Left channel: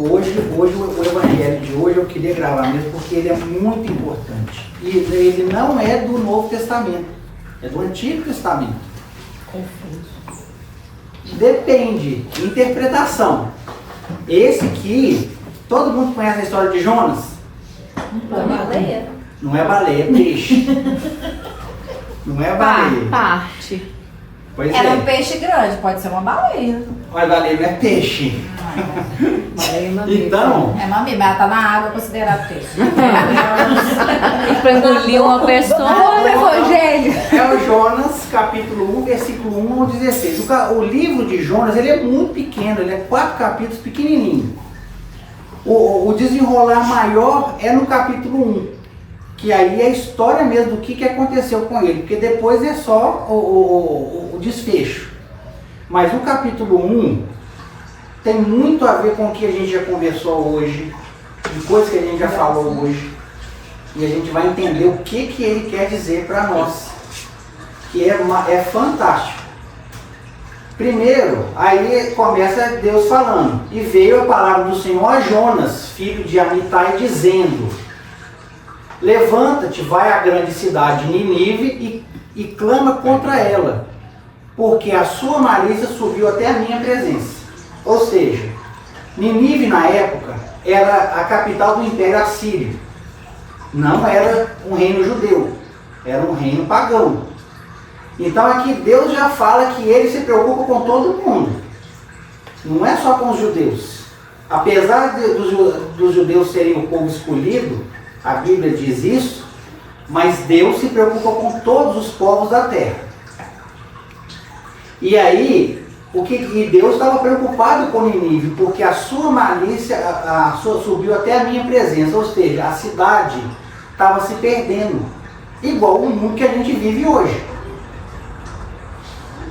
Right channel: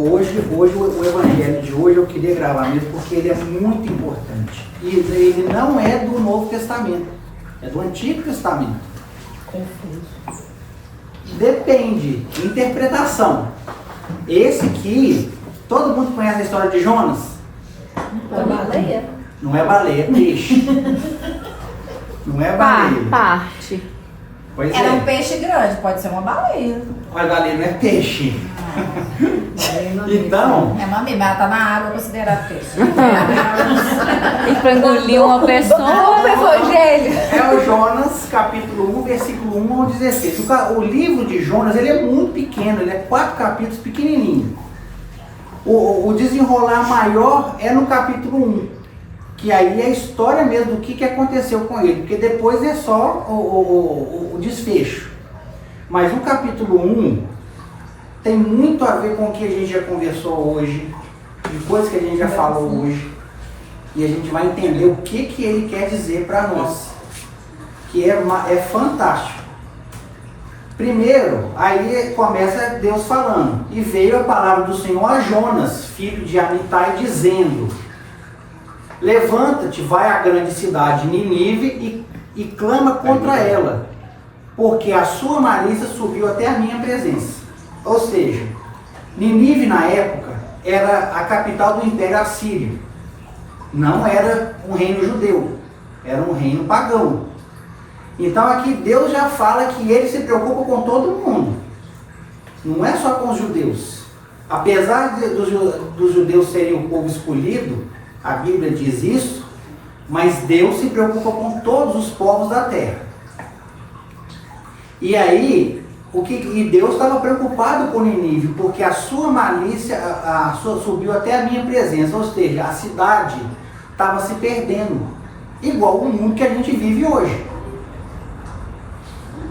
hoje o evangelho de hoje eu queria gravar mesmo porque ele é muito importante. E ele não é do Novo Testamento, é do Antigo Testamento. Depende, interpretação. Esse aqui, todo mundo conhece a história de Jonas? Não é baleia, é peixe. Não é baleia. Parte. Pois Era é. um peixe grande, pode ser uma baleia. Mas baleia não é peixe. Baleia Então, é mamífero, mas ela tá na água considerada peixe. E pra engolir uma pessoa. Evangelho. é o Jonas, capítulo 1, versículo 1 ao 16. O livro de Jonas, ele é muito pequeno, ele é 4 capítulos pequenininho. O desenrolar maior é no capítulo 1, que aí é a história mesmo do que aconteceu com ele, porque depois é só o desfecho. Mas o capítulo 1 tem muito a ver com o que a gente já conversou hoje, de coisas que a gente já falou hoje, e a gente vai entender o que ele quer dizer para nós, que é fantástico. Primeiro, aí começa Deus falando, e veio a palavra do Senhor a Jonas, filho de Amitai, dizendo: levanta-te, vai à grande cidade de Nínive e clama contra ela, porque a sua malícia subiu até a minha presença. Ou seja, Nínive na época era a capital do Império Assírio. Não era um reino judeu, era um reino pagão. Então aqui Deus já fala que ele se preocupa com todo mundo. Não é só com os judeus. Apesar dos judeus serem o povo escolhido, a Bíblia diz isso, mas Deus se preocupa com todos os povos da terra. E aí, e Deus estava preocupado com Nínive, porque a sua malícia subiu até a minha presença, ou seja, a cidade estava se perdendo, igual o mundo que a gente vive hoje.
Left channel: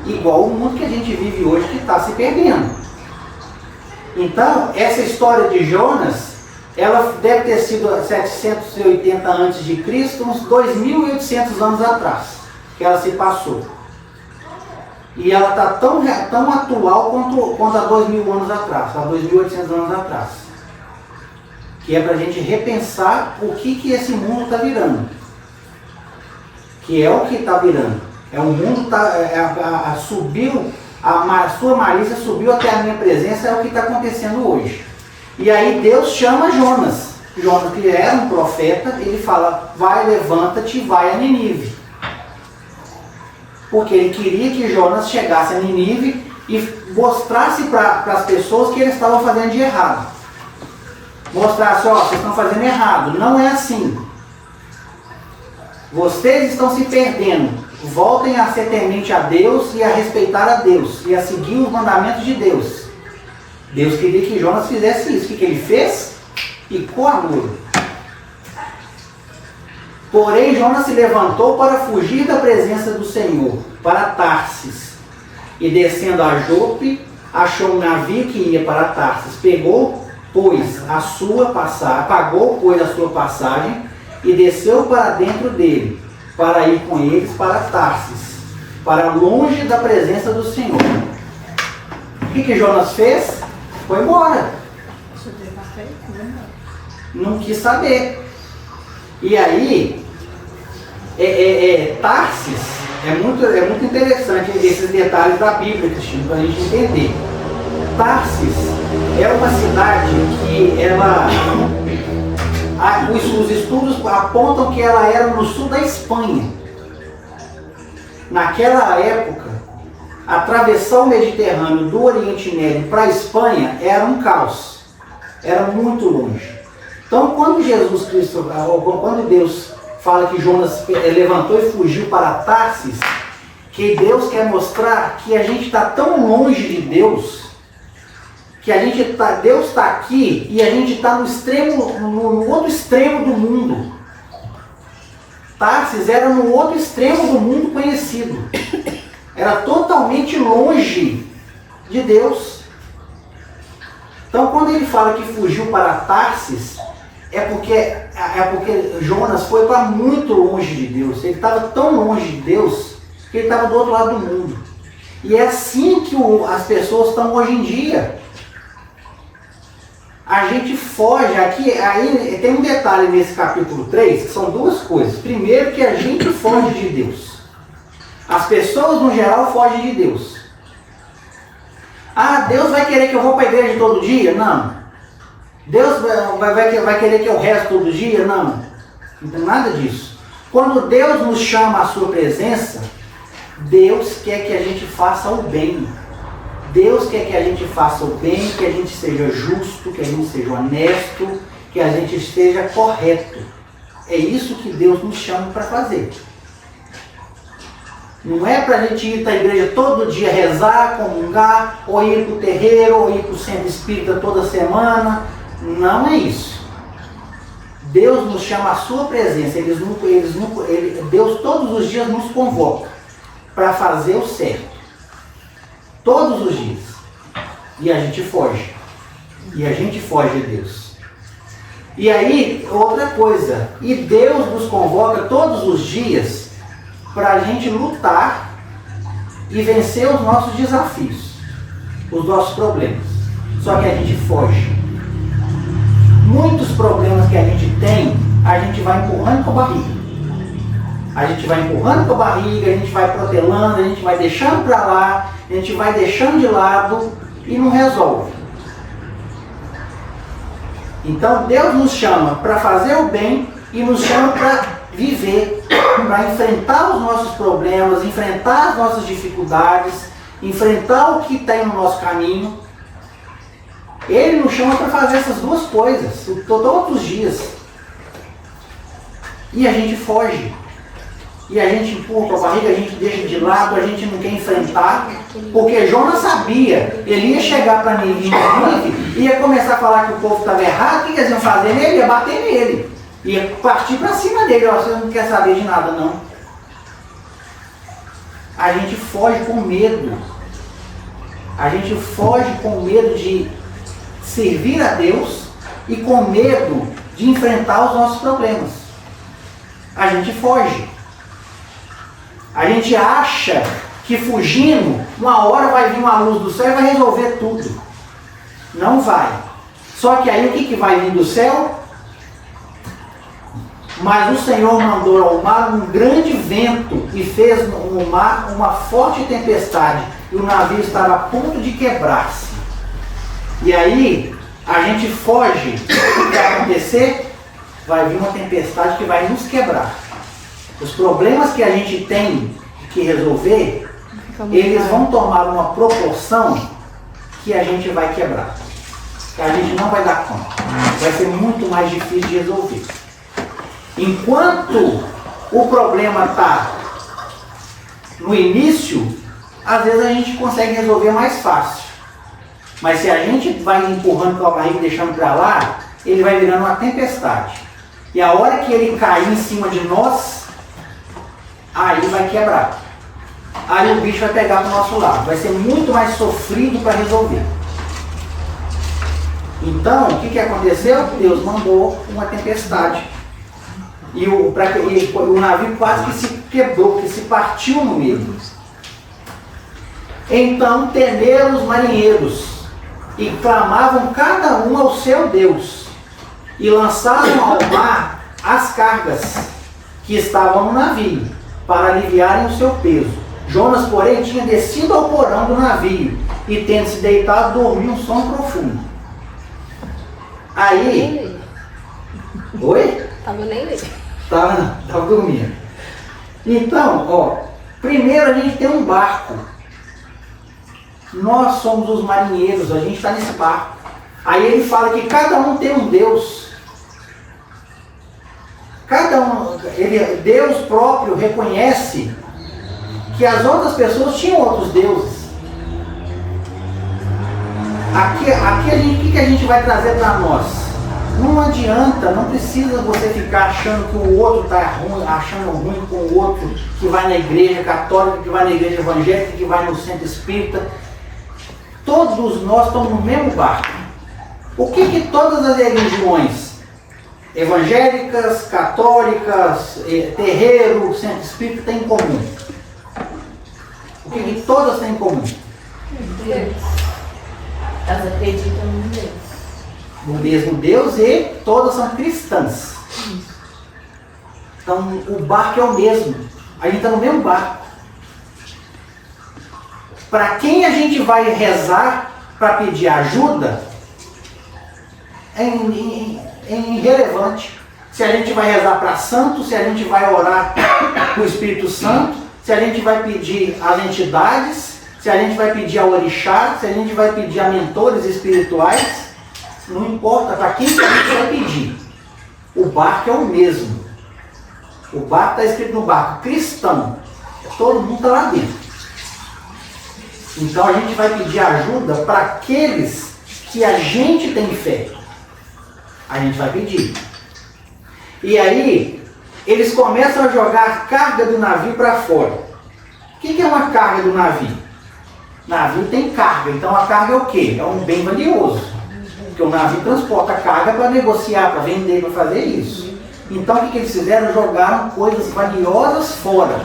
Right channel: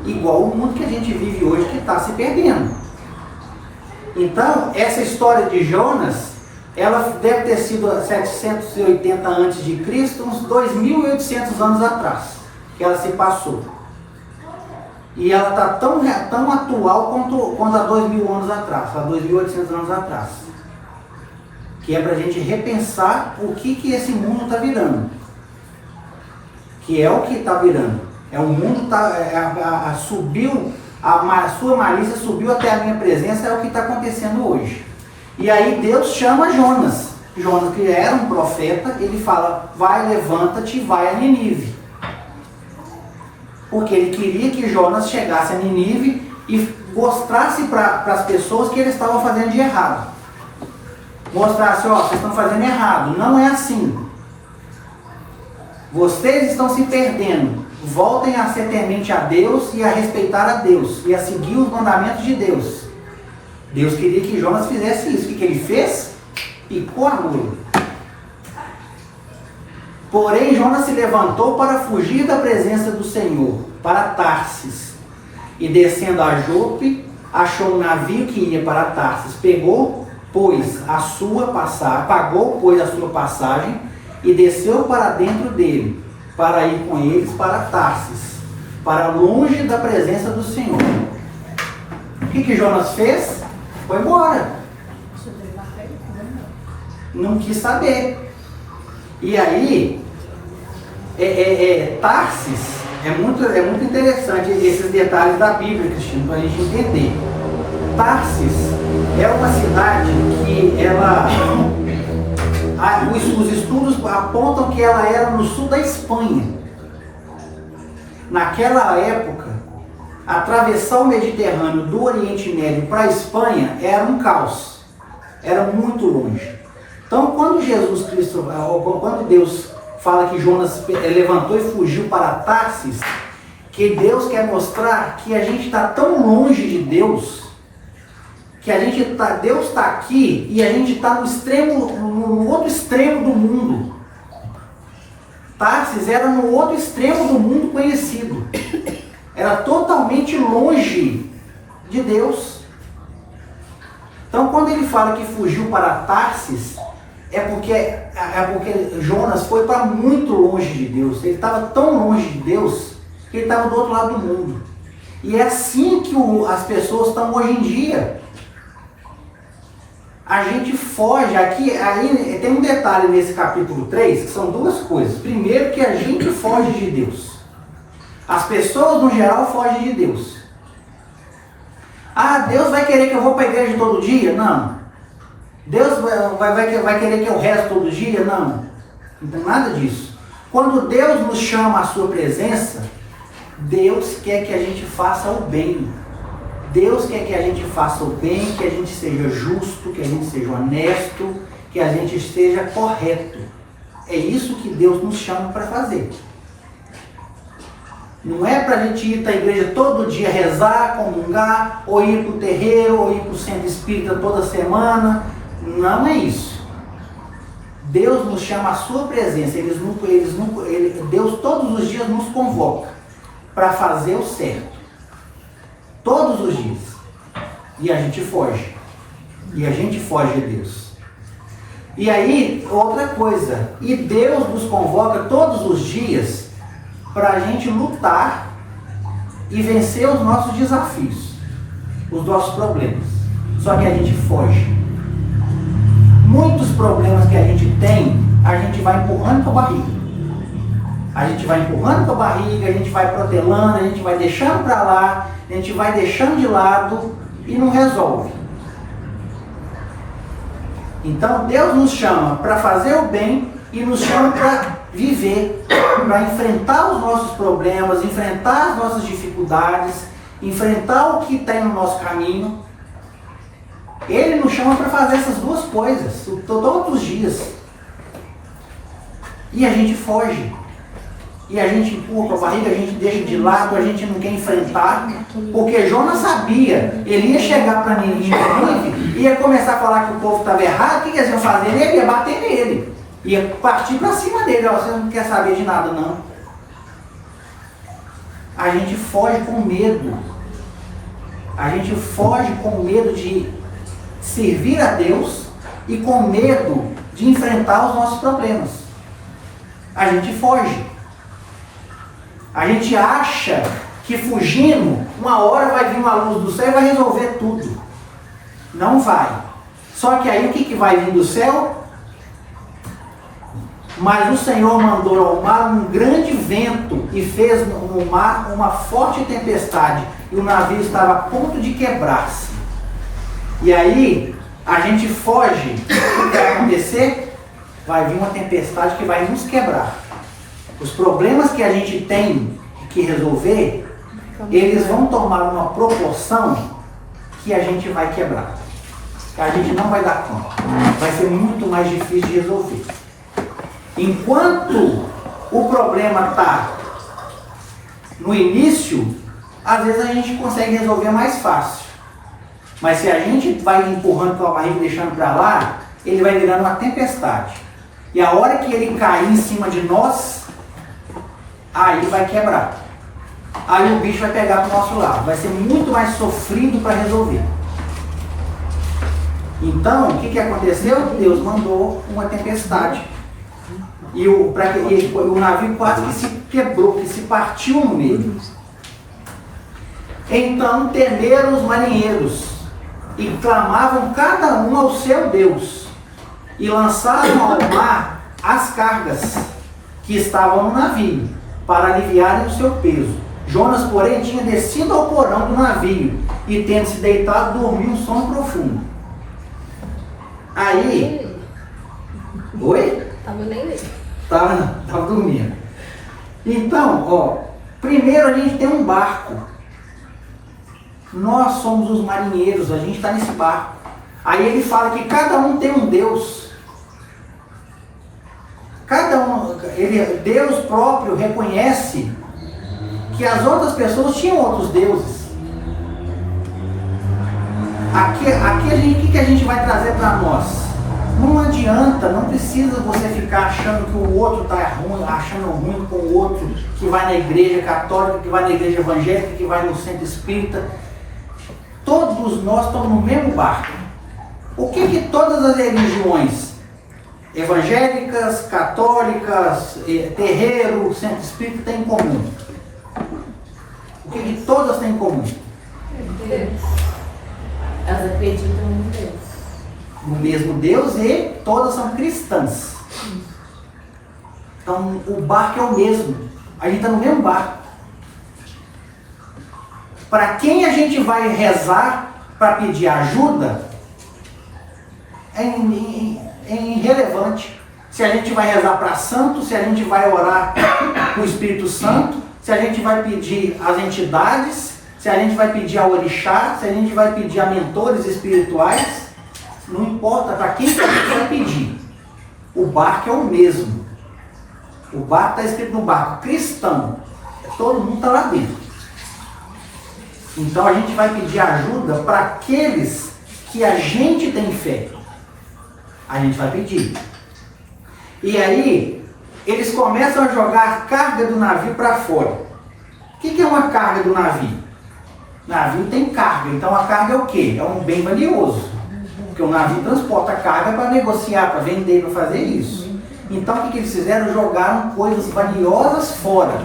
Igual o mundo que a gente vive hoje, que está se perdendo. Então, essa história de Jonas, ela deve ter sido 780 a.C., uns 2.800 anos atrás, que ela se passou. E ela está tão atual quanto há 2.000 anos atrás, há 2.800 anos atrás. Que é para a gente repensar o que esse mundo está virando. Que é o que está virando. O mundo subiu, a sua malícia subiu até a minha presença, é o que está acontecendo hoje. E aí Deus chama Jonas. Jonas, que era um profeta, ele fala: vai, levanta-te, vai a Nínive. Porque ele queria que Jonas chegasse a Nínive e mostrasse para as pessoas que eles estavam fazendo de errado. Mostrasse: ó, vocês estão fazendo errado, não é assim. Vocês estão se perdendo. Voltem a ser temente a Deus e a respeitar a Deus e a seguir os mandamentos de Deus. Deus queria que Jonas fizesse isso. O que ele fez? Picou a mula. Porém, Jonas se levantou para fugir da presença do Senhor, para Tarsis. E descendo a Jope, achou um navio que ia para Tarsis. Pagou, pois, a sua passagem e desceu para dentro dele, para ir com eles para Tarsis, para longe da presença do Senhor. O que Jonas fez? Foi embora. Não quis saber. E aí, Tarsis, é muito interessante esses detalhes da Bíblia, Cristina, para a gente entender. Tarsis é uma cidade que os estudos apontam que ela era no sul da Espanha. Naquela época, atravessar o Mediterrâneo do Oriente Médio para a Espanha era um caos. Era muito longe. Então, quando Deus fala que Jonas levantou e fugiu para Tarsis, que Deus quer mostrar que a gente está tão longe de Deus, que Deus está aqui e a gente está no outro extremo do mundo. Tarsis era no outro extremo do mundo conhecido. Era totalmente longe de Deus. Então, quando ele fala que fugiu para Tarsis, é porque Jonas foi para muito longe de Deus. Ele estava tão longe de Deus que ele estava do outro lado do mundo. E é assim que as pessoas estão hoje em dia. a gente foge aqui, aí tem um detalhe nesse capítulo 3, que são duas coisas. Primeiro, que a gente foge de Deus. As pessoas, no geral, fogem de Deus. Ah, Deus vai querer que eu vou para a igreja todo dia? Não. Deus vai querer que eu rezo todo dia? Não. Não tem nada disso. Quando Deus nos chama à sua presença, Deus quer que a gente faça o bem. Deus quer que a gente faça o bem, que a gente seja justo, que a gente seja honesto, que a gente esteja correto. É isso que Deus nos chama para fazer. Não é para a gente ir para a igreja todo dia rezar, comungar, ou ir para o terreiro, ou ir para o centro espírita toda semana. Não é isso. Deus nos chama à sua presença. Deus todos os dias nos convoca para fazer o certo. Todos os dias. E a gente foge. E a gente foge de Deus. E aí, outra coisa. E Deus nos convoca todos os dias para a gente lutar e vencer os nossos desafios, os nossos problemas. Só que a gente foge. Muitos problemas que a gente tem, a gente vai empurrando com a barriga. A gente vai empurrando com a barriga, a gente vai protelando, a gente vai deixando para lá, a gente vai deixando de lado e não resolve. Então Deus nos chama para fazer o bem e nos chama para viver, para enfrentar os nossos problemas, enfrentar as nossas dificuldades, enfrentar o que tem no nosso caminho. Ele nos chama para fazer essas duas coisas, todos os dias. E a gente foge. E a gente empurra com a barriga, a gente deixa de lado, a gente não quer enfrentar. Porque Jonas sabia, ele ia chegar para Nínive, ia começar a falar que o povo estava errado, o que eles iam fazer nele? Ia bater nele. Ia partir para cima dele, ó, você não quer saber de nada não. A gente foge com medo. A gente foge com medo de servir a Deus e com medo de enfrentar os nossos problemas. A gente foge. A gente acha que fugindo, uma hora vai vir uma luz do céu e vai resolver tudo. Não vai. Só que aí o que vai vir do céu? Mas o Senhor mandou ao mar um grande vento e fez no mar uma forte tempestade. E o navio estava a ponto de quebrar-se. E aí, a gente foge. O que vai acontecer? Vai vir uma tempestade que vai nos quebrar. Os problemas que a gente tem que resolver, eles vão tomar uma proporção que a gente vai quebrar. Que a gente não vai dar conta. Vai ser muito mais difícil de resolver. Enquanto o problema está no início, às vezes a gente consegue resolver mais fácil. Mas se a gente vai empurrando com a barriga e deixando para lá, ele vai virando uma tempestade. E a hora que ele cair em cima de nós, aí vai quebrar. Aí o bicho vai pegar para o nosso lado. Vai ser muito mais sofrido para resolver. Então, o que aconteceu? Deus mandou uma tempestade. E o navio quase que se quebrou, que se partiu no meio. Então temeram os marinheiros e clamavam cada um ao seu Deus e lançaram ao mar as cargas que estavam no navio para aliviarem o seu peso. Jonas, porém, tinha descido ao porão do navio e, tendo se deitado, dormiu um sono profundo. Aí... Oi? Tava nem lendo. Tava dormindo. Então, ó, primeiro a gente tem um barco. Nós somos os marinheiros, a gente está nesse barco. Aí ele fala que cada um tem um Deus. Cada um, Deus próprio reconhece que as outras pessoas tinham outros deuses. Aqui o que a gente vai trazer para nós? Não adianta, não precisa você ficar achando que o outro está ruim, achando ruim com o outro que vai na igreja católica, que vai na igreja evangélica, que vai no centro espírita. Todos nós estamos no mesmo barco. O que todas as religiões, evangélicas, católicas, terreiro, centro espírita, têm em comum? O que todas têm em comum? Deus. Elas acreditam em Deus. o mesmo Deus e todas são cristãs. Então o barco é o mesmo. A gente está no mesmo barco. Para quem a gente vai rezar para pedir ajuda é irrelevante. Se a gente vai rezar para santo, se a gente vai orar para o Espírito Santo, se a gente vai pedir às entidades, se a gente vai pedir ao orixá, se a gente vai pedir a mentores espirituais, não importa para quem que a gente vai pedir. O barco é o mesmo. O barco está escrito no barco cristão. Todo mundo está lá dentro. Então a gente vai pedir ajuda para aqueles que a gente tem fé. A gente vai pedir. E aí, eles começam a jogar a carga do navio para fora. O que é uma carga do navio? Navio tem carga, então a carga é o quê? É um bem valioso. Porque o navio transporta carga para negociar, para vender, para fazer isso. Então o que eles fizeram? Jogaram coisas valiosas fora.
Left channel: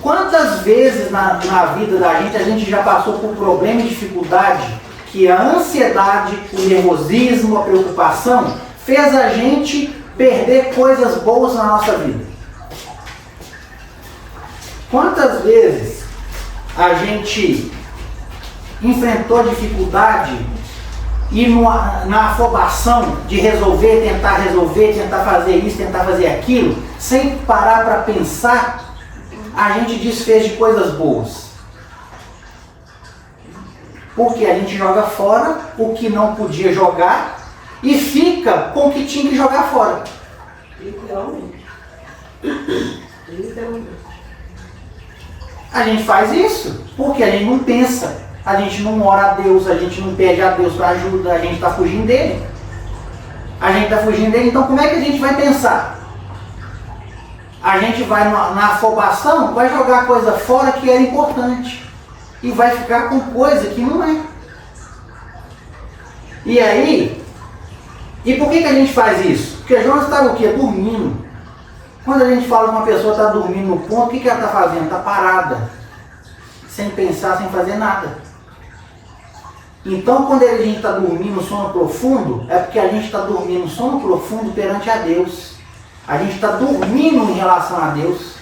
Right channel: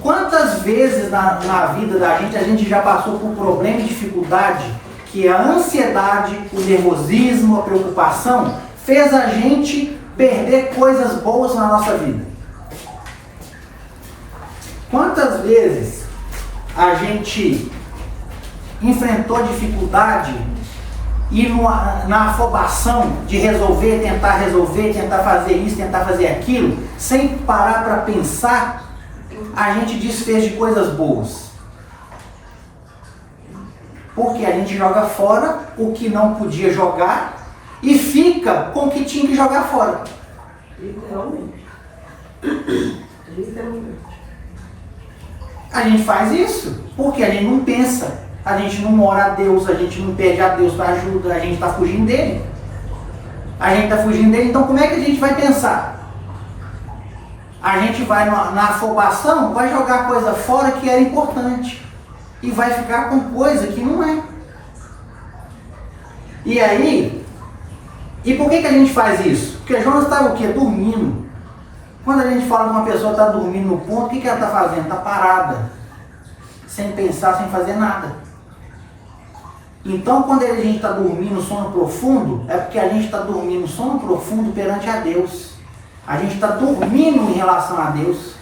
Quantas vezes na vida da gente a gente já passou por problema e dificuldade que a ansiedade, o nervosismo, a preocupação fez a gente perder coisas boas na nossa vida? Quantas vezes a gente enfrentou dificuldade e na afobação de tentar fazer isso, tentar fazer aquilo, sem parar para pensar, a gente desfez de coisas boas. Porque a gente joga fora o que não podia jogar e fica com o que tinha que jogar fora. Literalmente. A gente faz isso porque a gente não pensa, a gente não ora a Deus, a gente não pede a Deus para ajuda, a gente está fugindo dele. Então como é que a gente vai pensar? A gente vai na afobação, vai jogar coisa fora que era importante e vai ficar com coisa que não é. E aí, e por que a gente faz isso? Porque Jonas estava o quê? Dormindo. Quando a gente fala que uma pessoa está dormindo no ponto, o que ela está fazendo? Está parada, sem pensar, sem fazer nada. Então quando a gente está dormindo sono profundo, é porque a gente está dormindo sono profundo perante a Deus. A gente está dormindo em relação a Deus.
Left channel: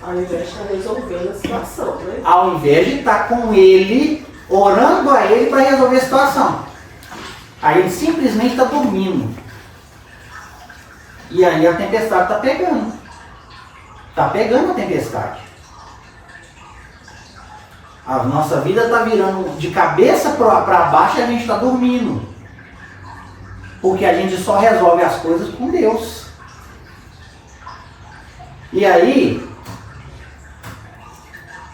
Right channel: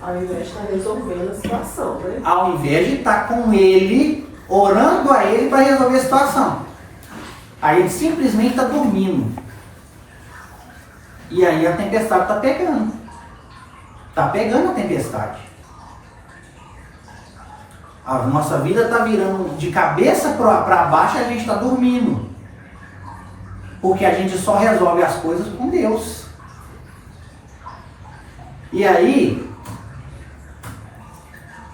Ao invés de estar resolvendo a situação, né? Ao invés de estar com Ele, orando a Ele para resolver a situação. Aí ele simplesmente está dormindo. E aí a tempestade está pegando. Está pegando a tempestade. A nossa vida está virando de cabeça para baixo e a gente está dormindo. Porque a gente só resolve as coisas com Deus. E aí,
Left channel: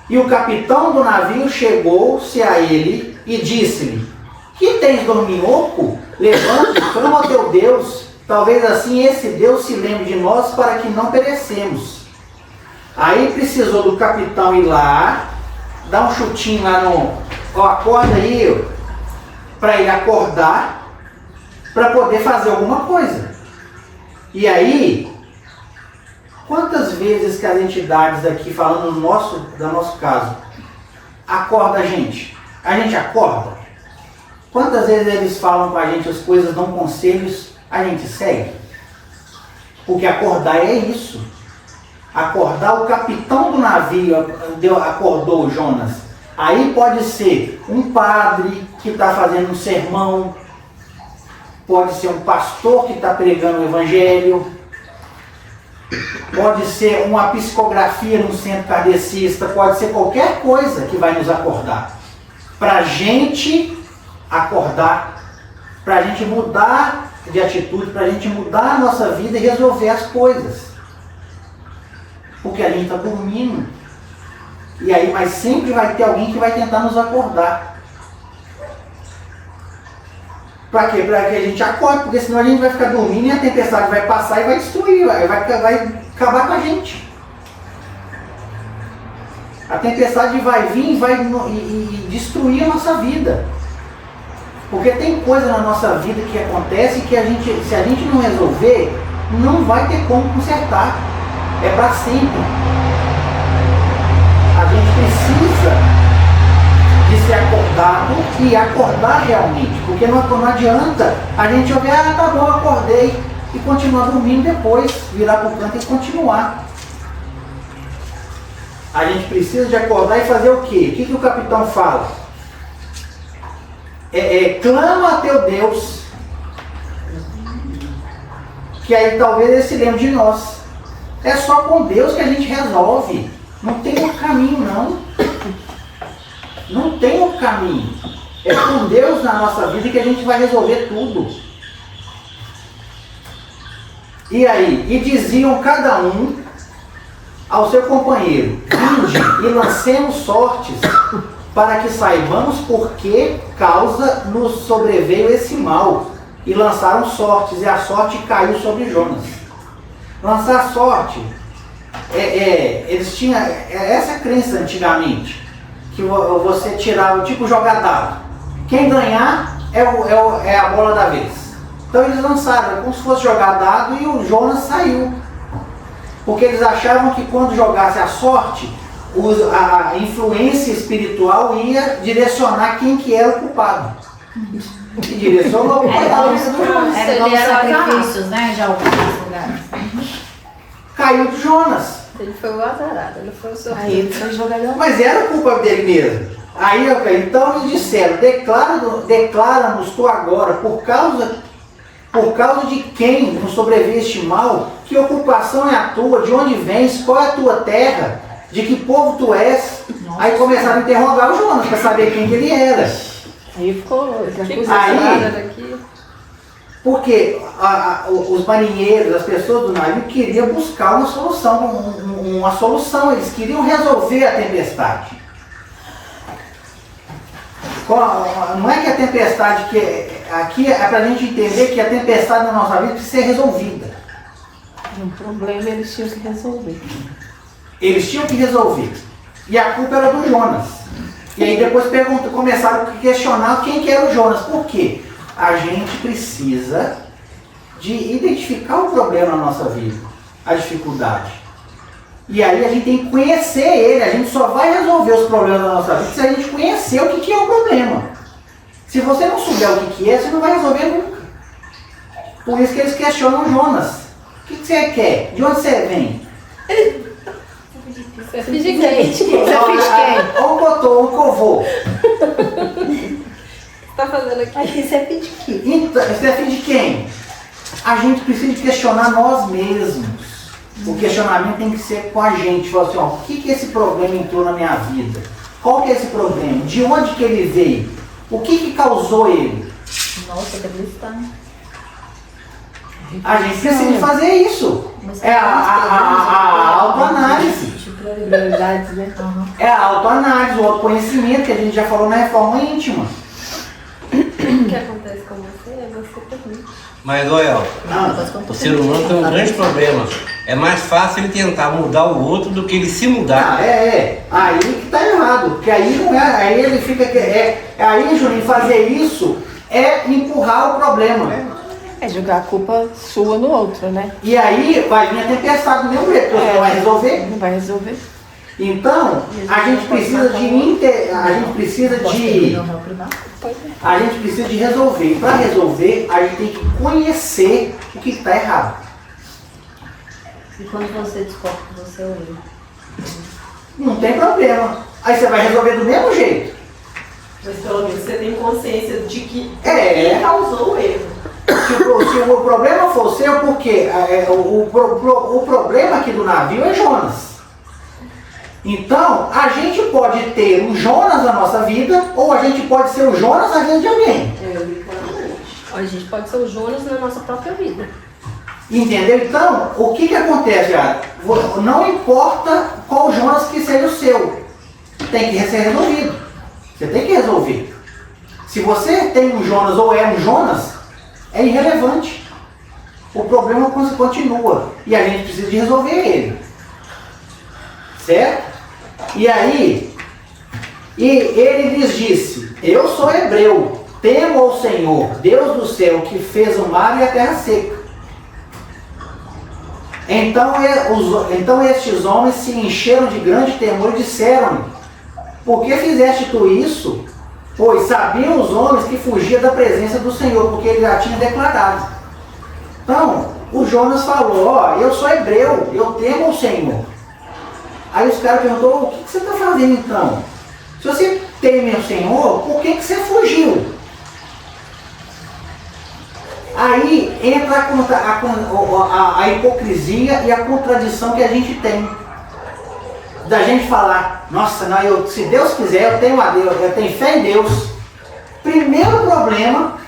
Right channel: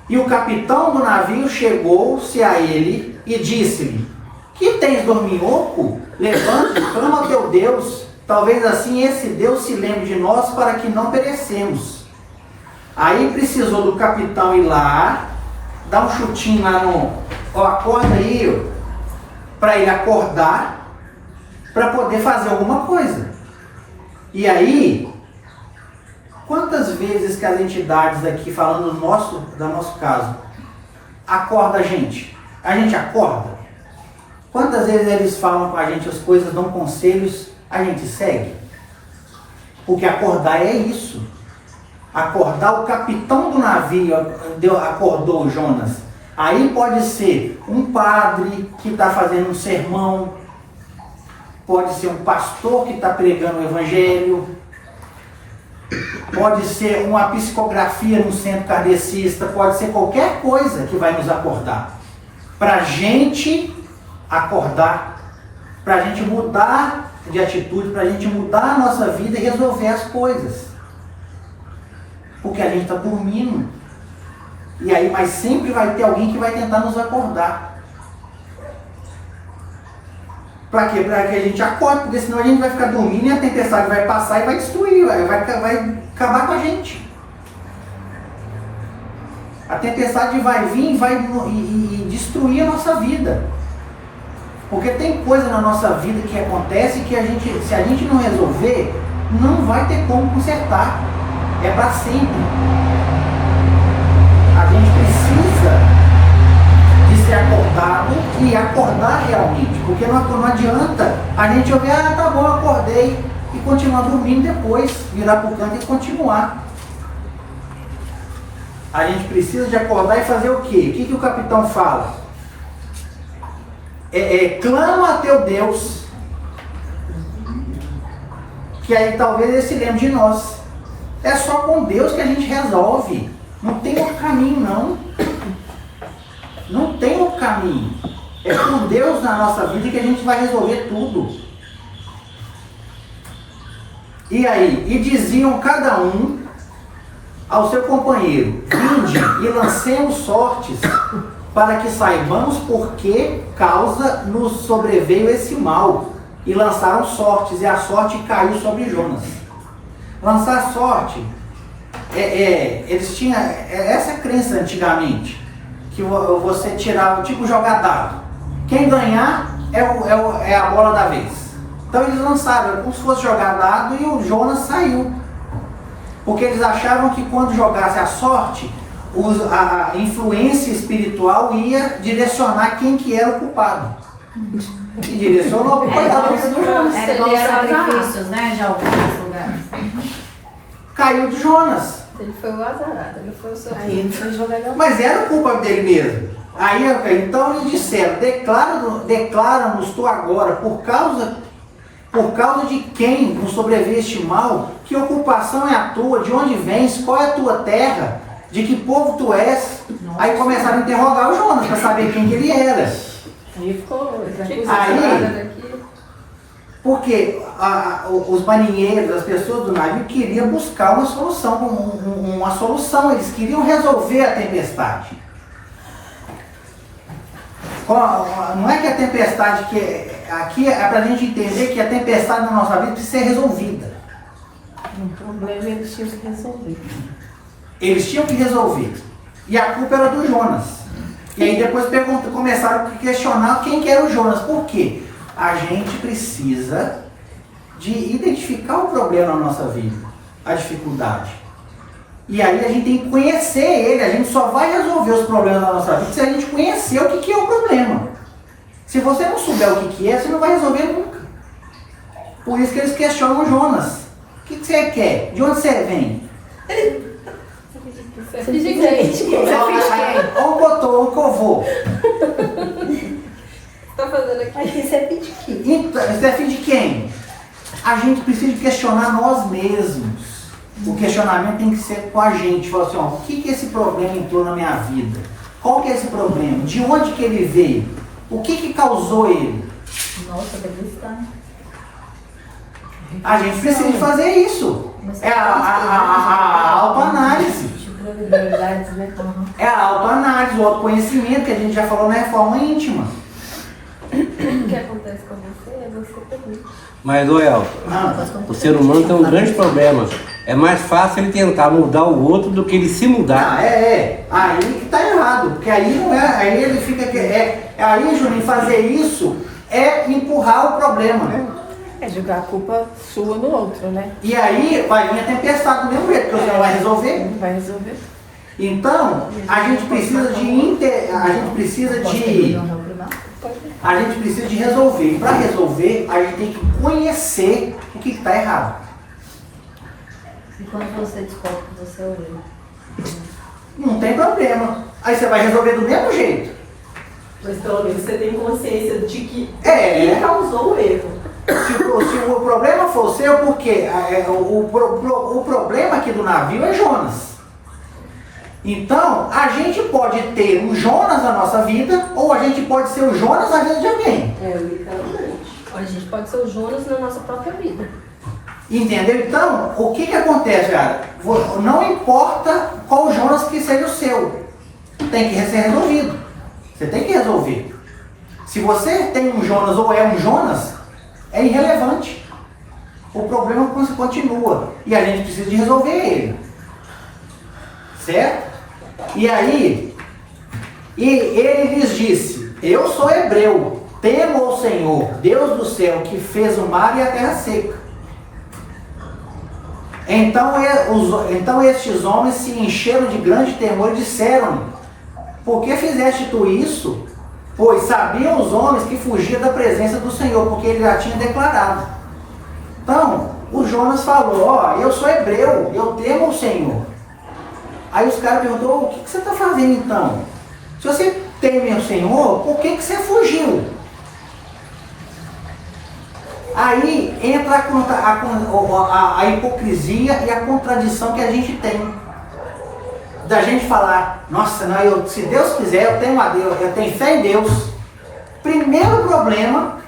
e o capitão do navio chegou-se a ele e disse-lhe: que tens, dorminhoco? Levante, clama ao teu Deus, talvez assim esse Deus se lembre de nós para que não perecemos. Aí precisou do capitão ir lá, dar um chutinho lá no... acorda aí, para ele acordar, para poder fazer alguma coisa. E aí, quantas vezes que as entidades aqui, falando do nosso caso, acorda a gente? A gente acorda? Quantas vezes eles falam com a gente as coisas, dão conselhos, a gente segue? Porque acordar é isso. Acordar, o capitão do navio acordou Jonas. Aí pode ser um padre que está fazendo um sermão, pode ser um pastor que está pregando o evangelho, pode ser uma psicografia no centro kardecista, pode ser qualquer coisa que vai nos acordar. Para a gente acordar, para a gente mudar de atitude, para a gente mudar a nossa vida e resolver as coisas. Porque a gente está dormindo. E aí, mas sempre vai ter alguém que vai tentar nos acordar. Para quê? Para que a gente acorde, porque senão a gente vai ficar dormindo e a tempestade vai passar e vai destruir, vai acabar com a gente. A tempestade vai vir e vai destruir a nossa vida. Porque tem coisa na nossa vida que acontece que se a gente não resolver, não vai ter como consertar. É para sempre. A gente precisa de ser acordado e acordar realmente, porque não adianta a gente ouvir, tá bom, acordei, e continuar dormindo depois, virar para o canto e continuar. A gente precisa de acordar e fazer o quê? O que o capitão fala? Clama a teu Deus, que aí talvez ele se lembre de nós. É só com Deus que a gente resolve. Não tem outro caminho, não. Não tem outro caminho. É com Deus na nossa vida que a gente vai resolver tudo. E aí? E diziam cada um ao seu companheiro: vinde e lancemos sortes, para que saibamos por que causa nos sobreveio esse mal. E lançaram sortes, e a sorte caiu sobre Jonas. Lançar sorte, eles tinham essa crença antigamente, que você tirava, tipo jogar dado. Quem ganhar é a bola da vez. Então eles lançaram, como se fosse jogar dado, e o Jonas saiu. Porque eles achavam que quando jogasse a sorte, a influência espiritual ia direcionar quem que era o culpado. E direcionou o coitado do Jonas. Era dos sacrifícios, né, de alguns lugares. Caiu de Jonas. Ele foi o azarado, ele foi o Aí sorriso. ele foi jogador. Mas era culpa dele mesmo. Aí, então eles disseram: declara-nos tu agora, por causa de quem nos sobreveio este mal, que ocupação é a tua, de onde vens, qual é a tua terra, de que povo tu és. Aí começaram a interrogar o Jonas para saber quem que ele era. Aí ficou. Aí, porque os marinheiros, as pessoas do navio queriam buscar uma solução, eles queriam resolver a tempestade. Não é que a tempestade, aqui é para a gente entender que a tempestade na nossa vida precisa ser resolvida. O problema eles tinham que resolver. Eles tinham que resolver. E a culpa era do Jonas. E aí depois começaram a questionar quem que era o Jonas. Por quê? A gente precisa de identificar o problema na nossa vida, a dificuldade. E aí a gente tem que conhecer ele. A gente só vai resolver os problemas da nossa vida se a gente conhecer o que é o problema. Se você não souber o que é, você não vai resolver nunca. Por isso que eles questionam Jonas. O que você quer? De onde você vem? Você finge quem? Olha o cotô, o covô. O que você tá fazendo aqui? Aí você é pediquinho. Então, você é filho de quem? A gente precisa de questionar nós mesmos. O questionamento tem que ser com a gente. Falar assim, o que esse problema entrou na minha vida? Qual que é esse problema? De onde que ele veio? O que causou ele? Nossa, que cristão. A gente precisa de fazer isso. É a autoanálise. Prioridades, né? É a autoanálise, o autoconhecimento que a gente já falou na reforma íntima. O que acontece com você é você também. Mas, Noel, o ser humano tem um grande problema. É mais fácil ele tentar mudar o outro do que ele se mudar. Aí que tá errado. Porque aí não é. Aí ele fica. Aí, Juninho, fazer isso é empurrar o problema. É jogar a culpa sua no outro, né? E aí vai vir a tempestade do mesmo jeito, porque você não vai resolver. Não vai resolver. Então, a gente precisa de resolver. E para resolver, a gente tem que conhecer o que está errado. E quando você descobre que você é o erro? Não tem problema. Aí você vai resolver do mesmo jeito. Mas pelo menos você tem consciência de que É. causou o erro. Se o problema for seu, porque o problema aqui do navio é Jonas. Então, a gente pode ter um Jonas na nossa vida, ou a gente pode ser o Jonas na vida de alguém. Literalmente. A gente pode ser o Jonas na nossa própria vida. Entendeu? Então, o que acontece, cara? Não importa qual Jonas que seja o seu, tem que ser resolvido. Você tem que resolver. Se você tem um Jonas ou é um Jonas, é irrelevante. O problema continua. E a gente precisa de resolver ele. Certo? E aí, ele lhes disse: eu sou hebreu, temo ao Senhor, Deus do céu, que fez o mar e a terra seca. Então estes homens se encheram de grande temor e disseram-lhe: por que fizeste tu isso? Pois sabiam os homens que fugia da presença do Senhor, porque ele já tinha declarado. Então, o Jonas falou, ó, eu sou hebreu, eu temo o Senhor. Aí os caras perguntou, o que você está fazendo então? Se você teme o Senhor, por que você fugiu? Aí entra a hipocrisia e a contradição que a gente tem. Da gente falar, nossa, não, se Deus quiser, eu tenho a Deus, eu tenho fé em Deus. Primeiro problema,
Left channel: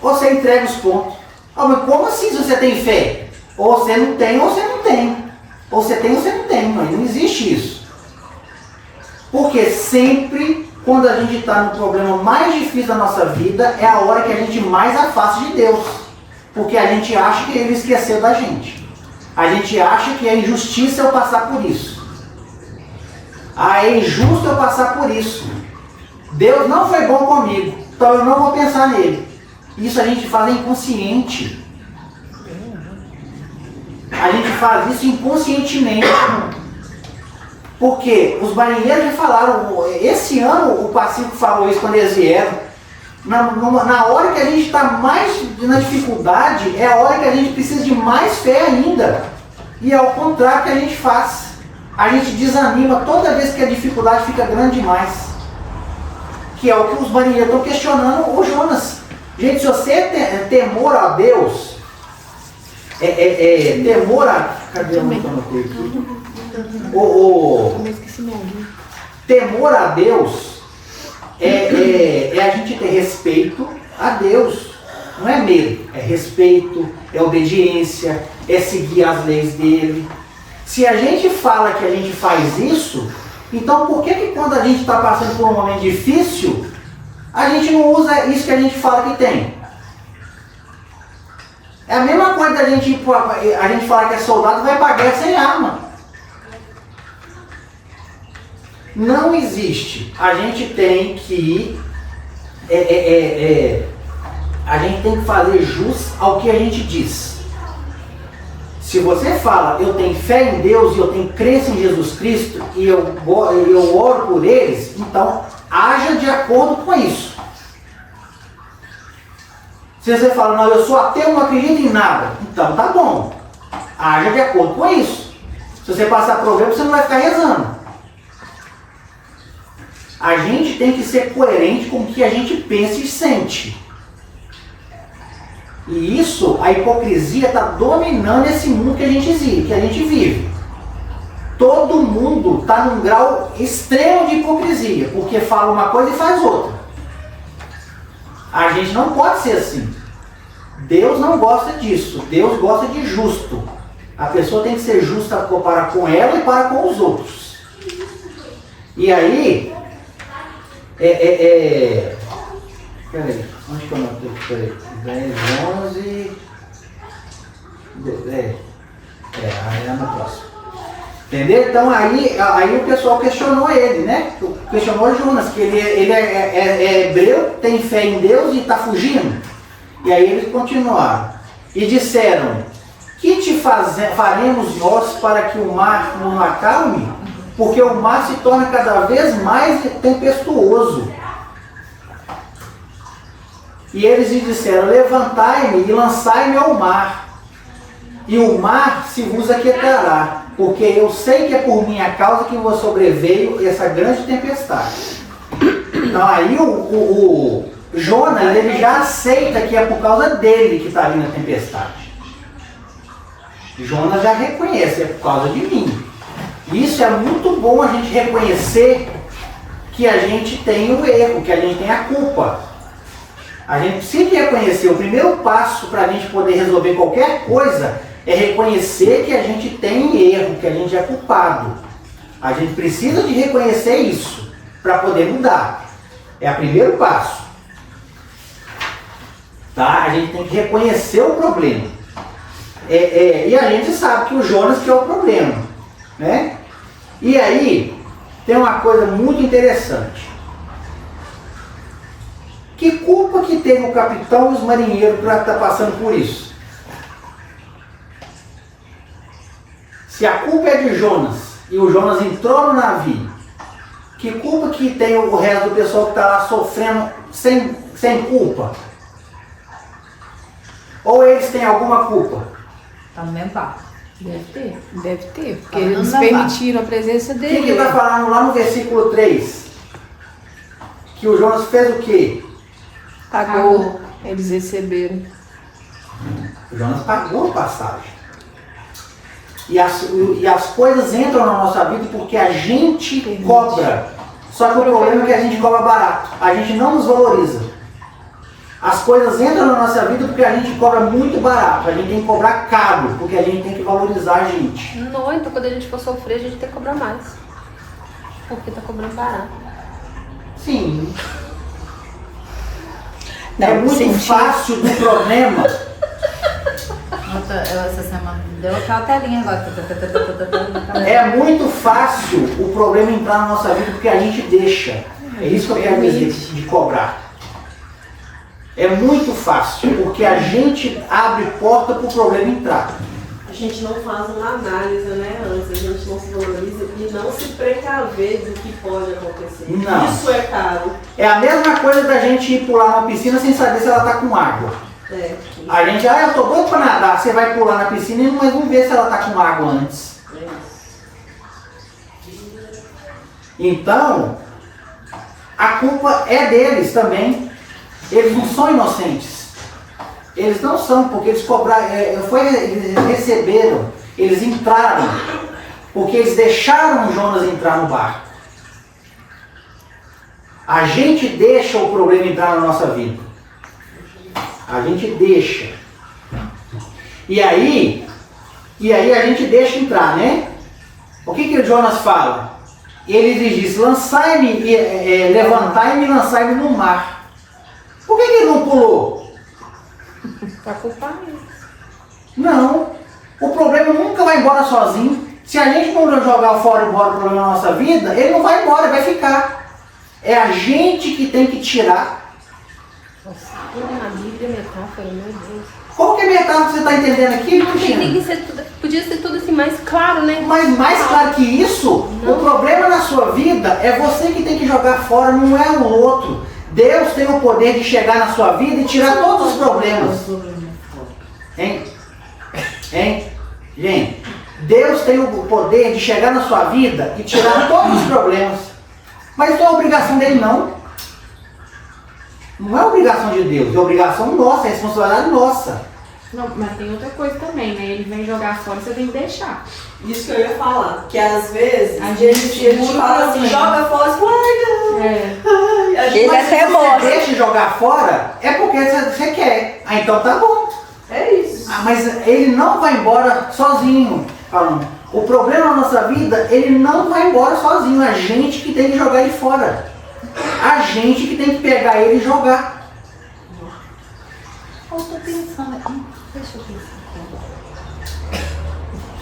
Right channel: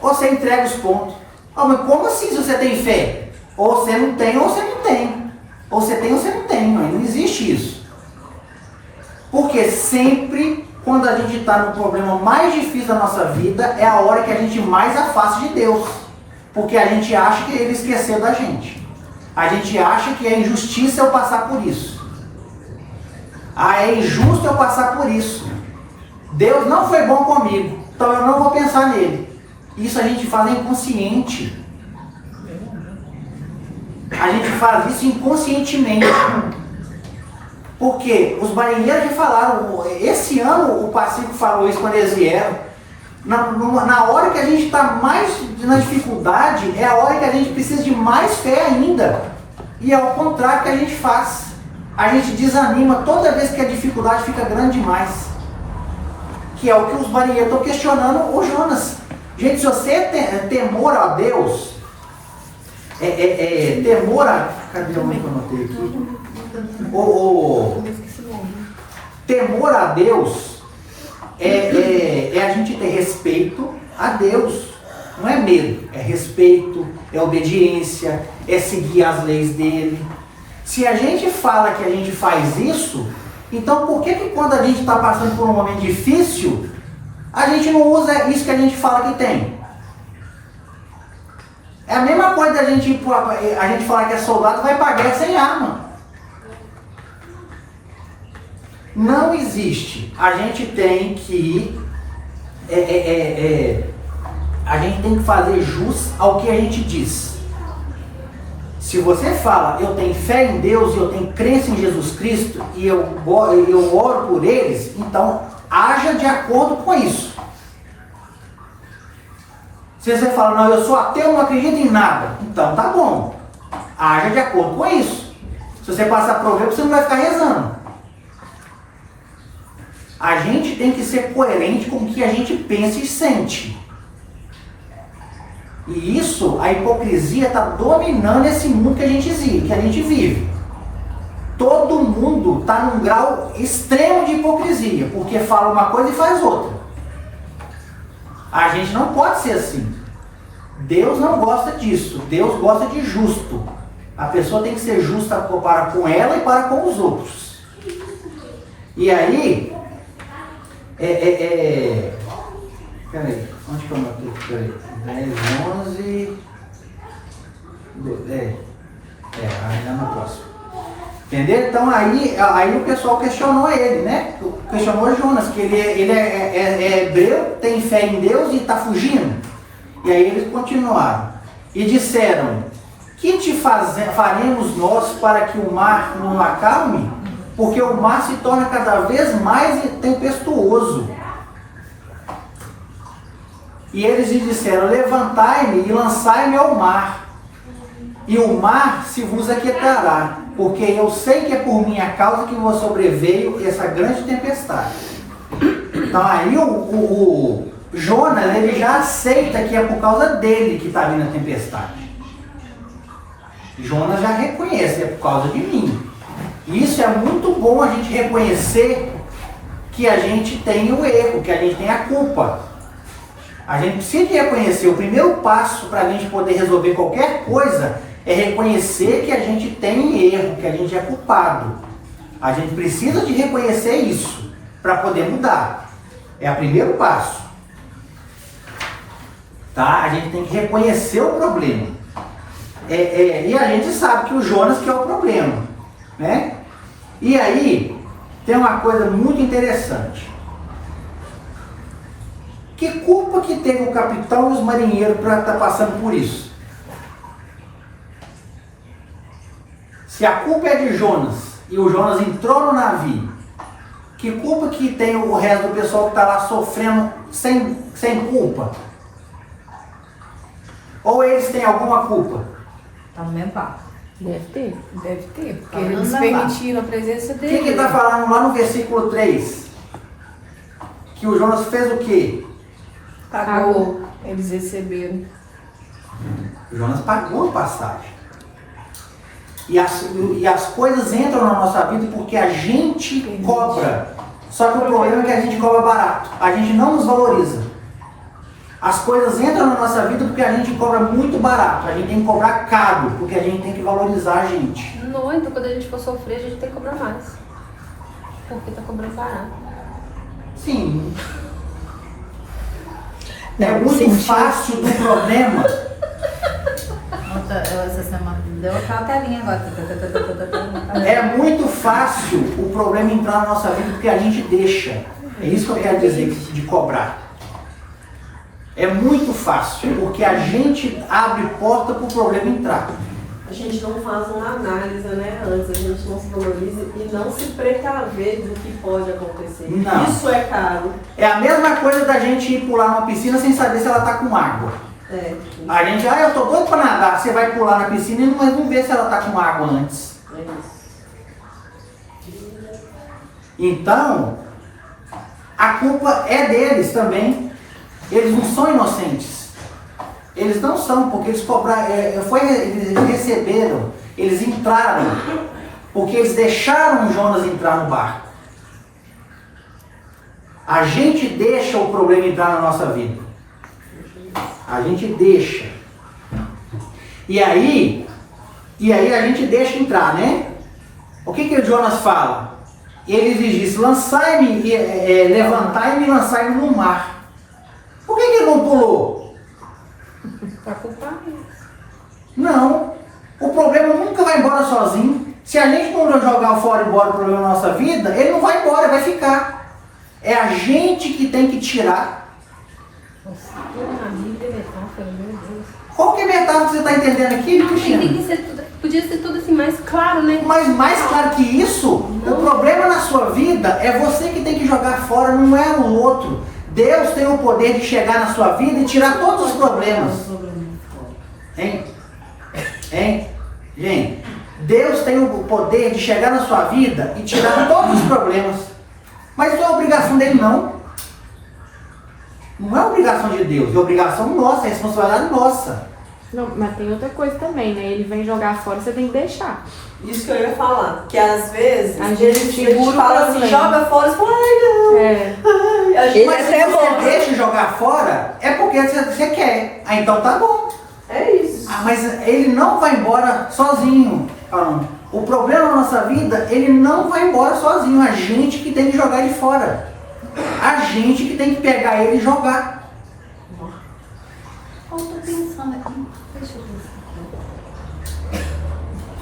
você entrega os pontos. Oh, mas como assim se você tem fé? Ou você não tem, ou você não tem. Ou você tem, ou você não tem. Não existe isso. Porque sempre, quando a gente está no problema mais difícil da nossa vida, é a hora que a gente mais afasta de Deus. Porque a gente acha que Ele esqueceu da gente. A gente acha que é injustiça eu passar por isso. Ah, é injusto eu passar por isso. Deus não foi bom comigo, então eu não vou pensar nele. Isso a gente faz inconsciente. A gente faz isso inconscientemente. Porque os marinheiros já falaram, esse ano o Pacífico falou isso quando eles vieram. Na hora que a gente está mais na dificuldade, é a hora que a gente precisa de mais fé ainda. E é o contrário que a gente faz. A gente desanima toda vez que a dificuldade fica grande demais. Que é o que os marinheiros estão questionando o Jonas. Gente, se você tem temor a Deus, temor a... Cadê onde que eu anotei aqui? Temor a Deus é a gente ter respeito a Deus. Não é medo, é respeito, é obediência, é seguir as leis dele. Se a gente fala que a gente faz isso, então por que quando a gente está passando por um momento difícil, a gente não usa isso que a gente fala que tem? É a mesma coisa da gente falar que é soldado e vai para a guerra sem arma. Não existe. A gente tem que a gente tem que fazer jus ao que a gente diz. Se você fala, eu tenho fé em Deus e eu tenho crença em Jesus Cristo e eu oro por eles, então haja de acordo com isso. Se você fala, não, eu sou ateu, não acredito em nada, então tá bom. Haja de acordo com isso. Se você passar problema, você não vai ficar rezando. A gente tem que ser coerente com o que a gente pensa e sente. E isso, a hipocrisia está dominando esse mundo que a gente vive. Todo mundo está num grau extremo de hipocrisia, porque fala uma coisa e faz outra. A gente não pode ser assim. Deus não gosta disso. Deus gosta de justo. A pessoa tem que ser justa para com ela e para com os outros. E aí, peraí, onde que eu notei? Peraí, 10, 11... aí é no próximo. Entendeu? Então aí o pessoal questionou ele, né? Questionou Jonas, que ele é hebreu, tem fé em Deus e está fugindo. E aí eles continuaram. E disseram, que te faremos nós para que o mar não acalme? Porque o mar se torna cada vez mais tempestuoso. E eles lhe disseram, levantai-me e lançai-me ao mar, e o mar se vos aquietará, porque eu sei que é por minha causa que vos sobreveio essa grande tempestade. Então aí o Jonas, ele já aceita que é por causa dele que está vindo a tempestade. Jonas já reconhece, é por causa de mim. Isso é muito bom a gente reconhecer que a gente tem o erro, que a gente tem a culpa. A gente precisa reconhecer, o primeiro passo para a gente poder resolver qualquer coisa é reconhecer que a gente tem erro, que a gente é culpado. A gente precisa de reconhecer isso para poder mudar. É o primeiro passo. Tá? A gente tem que reconhecer o problema. E a gente sabe que o Jonas que é o problema. Né? E aí, tem uma coisa muito interessante. Que culpa que teve o capitão e os marinheiros para estar passando por isso? Se a culpa é de Jonas e o Jonas entrou no navio, Que culpa que tem o resto do pessoal que está lá sofrendo sem culpa? Ou eles têm alguma culpa? Tá no mesmo barco. Deve ter, porque Não eles dá. permitiram a presença O dele. que está falando lá no versículo 3? Que o Jonas fez o quê? Pagou, eles receberam. O Jonas pagou a passagem. E as coisas entram na nossa vida porque a gente cobra. Só que o problema é que a gente cobra barato. A gente não nos valoriza. As coisas entram na nossa vida porque a gente cobra muito barato. A gente tem que cobrar caro, porque a gente tem que valorizar a gente. Não, então quando a gente for sofrer, a gente tem que cobrar mais. Porque tá cobrando barato. Sim. É muito fácil do problema. Essa semana deu aquela telinha agora. É muito fácil o problema entrar na nossa vida porque a gente deixa. É isso que eu quero dizer de cobrar. É muito fácil porque a gente abre porta para o problema entrar. A gente não faz uma análise, né, antes, a gente não se valoriza e não se precaver do que pode acontecer. Não. Isso é caro. É a mesma coisa da gente ir pular numa piscina sem saber se ela está com água. É. A gente, eu tô doido para nadar, você vai pular na piscina mas não vê se ela está com água antes. É isso. Então, a culpa é deles também. Eles não são inocentes. Eles não são, porque eles cobraram, eles receberam, eles entraram, porque eles deixaram Jonas entrar no barco. A gente deixa o problema entrar na nossa vida. A gente deixa. E aí a gente deixa entrar, né? O que o Jonas fala? Ele lhes diz, lançai-me, levantai-me e lançai-me no mar. Por que ele não pulou? Pra culpar mesmo. Não. O problema nunca vai embora sozinho. Se a gente não jogar fora embora o problema na nossa vida, ele não vai embora, ele vai ficar. É a gente que tem que tirar. Qual que é a metáfora que você está entendendo aqui, Cristina? Tem que ser tudo, podia ser tudo assim mais claro, né? Mas mais claro que isso, o problema na sua vida é você que tem que jogar fora, não é o outro. Deus tem o poder de chegar na sua vida e tirar todos os problemas. Hein? Gente, Deus tem o poder de chegar na sua vida e tirar todos os problemas. Mas isso não é obrigação dele, não. Não é obrigação de Deus, é obrigação nossa, é responsabilidade nossa. Não, mas tem outra coisa também, né? Ele vem jogar fora, você tem que deixar. Isso que eu ia falar, que às vezes A gente segura o fala assim, problema. joga fora, você fala, ai não. É. Ai, a gente Mas até se você mostra. deixa jogar fora, é porque você quer. Ah, então tá bom. É isso. Ah, mas ele não vai embora sozinho, falando. O problema na nossa vida, ele não vai embora sozinho. A gente que tem que jogar ele fora. A gente que tem que pegar ele e jogar. Eu tô pensando aqui, deixa eu pensar aqui.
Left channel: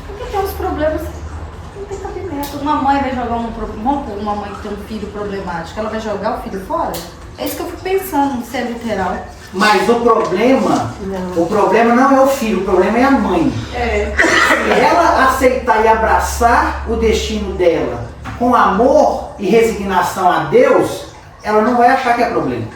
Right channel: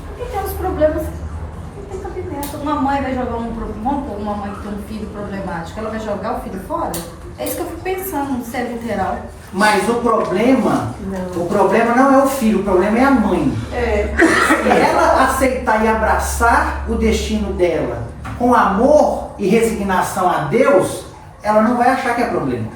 Porque tem uns problemas que não tem cabimento. Uma mãe vai jogar uma mãe que tem um filho problemático, ela vai jogar o filho fora? É isso que eu fico pensando, se é literal. Mas o problema não é o filho, o problema é a mãe. É. Se ela aceitar e abraçar o destino dela com amor e resignação a Deus, ela não vai achar que é problema.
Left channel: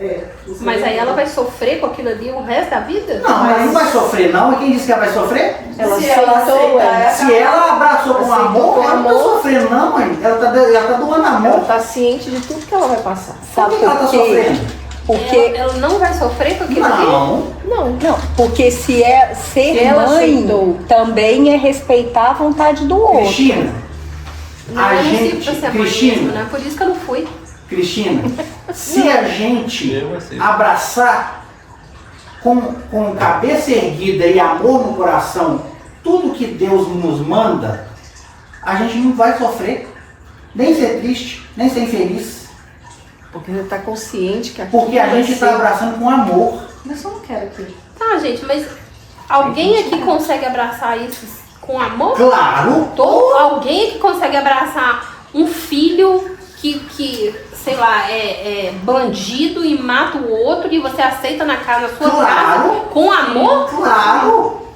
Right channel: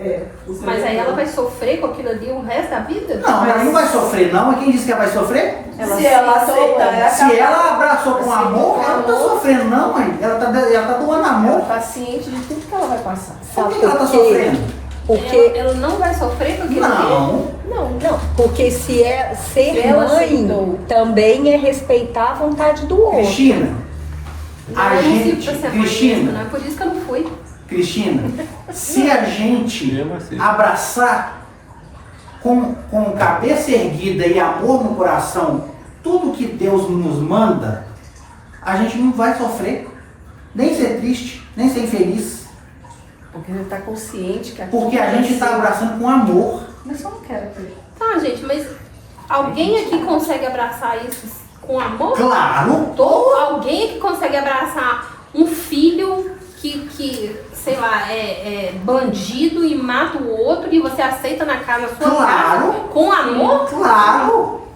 É. Isso Mas é aí ela vai sofrer com aquilo ali o resto da vida? Não, ela não vai sofrer não. E quem disse que ela vai sofrer? Se ela aceitar, Se ela abraçou com amor, ela não está sofrendo não, mãe. Ela tá doando Ela amor. tá ciente de tudo que ela vai passar. Por que ela está sofrendo? Porque Ela não vai sofrer com aquilo ali? Não. Não. Porque se é ser Se ela mãe, aceitou. também é respeitar a vontade do outro. Cristina, a Não, gente, não sei pra ser Cristina, mãe, né? Por isso que eu não fui. Cristina, se a gente Eu assim. abraçar com cabeça erguida e amor no coração tudo que Deus nos manda, a gente não vai sofrer, nem ser triste, nem ser infeliz, Porque você tá consciente que porque a gente está abraçando com amor. Mas eu não quero que... Tá, gente, mas alguém aqui consegue abraçar isso com amor? Claro! Alguém aqui consegue abraçar um filho que sei lá, é bandido e mata o outro e você aceita na sua Claro. casa com amor? Claro!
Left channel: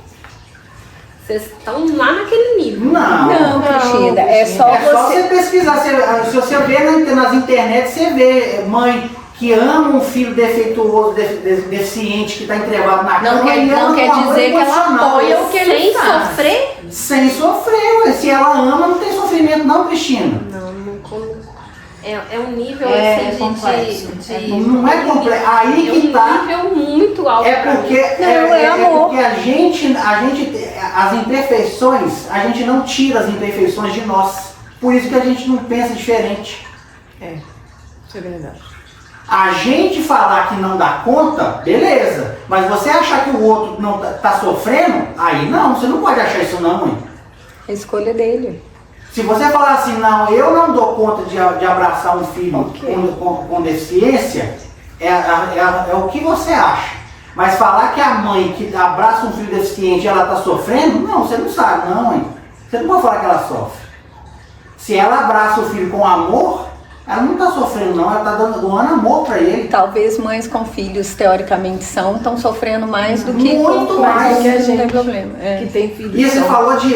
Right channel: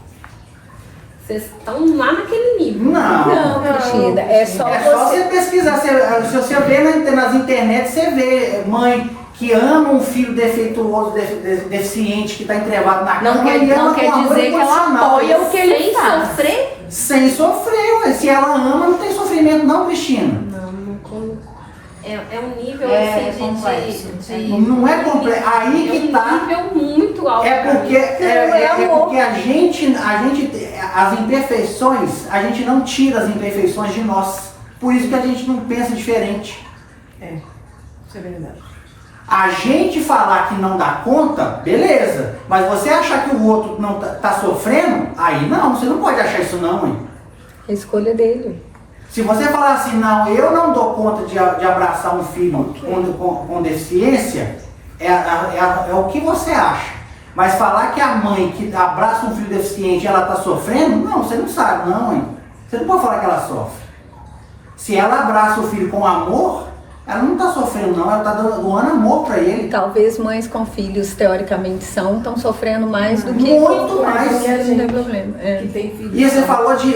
Vocês estão lá naquele nível. Não. Cristina, é só É só você. você pesquisar. Se você vê nas internet, você vê mãe que ama um filho defeituoso, deficiente, que está entrevado na cama. Não quer, e ama não com quer amor dizer que ela incondicional. apoia o que ele Sem faz. sofrer? Sem sofrer, ué. Se ela ama, não tem sofrimento não, Cristina. É um nível É assim complexo. de Não é complexo. Aí que tá. nível muito alto. É porque, é amor. porque a gente, as imperfeições, a gente não tira as imperfeições de nós. Por isso que a gente não pensa diferente. Isso é verdade. A gente falar que não dá conta, beleza. Mas você achar que o outro não tá sofrendo, aí não, você não pode achar isso não, hein? A escolha dele. Se você falar assim, não, eu não dou conta de abraçar um filho com deficiência, é o que você acha. Mas falar que a mãe que abraça um filho deficiente ela está sofrendo, não, você não sabe, não, hein? Você não pode falar que ela sofre. Se ela abraça o filho com amor, ela não está sofrendo, não, ela está doando amor para ele. Talvez mães com filhos, teoricamente, estão sofrendo mais do que Muito mais. que a gente tem problema. É. Que tem filho. E você falou de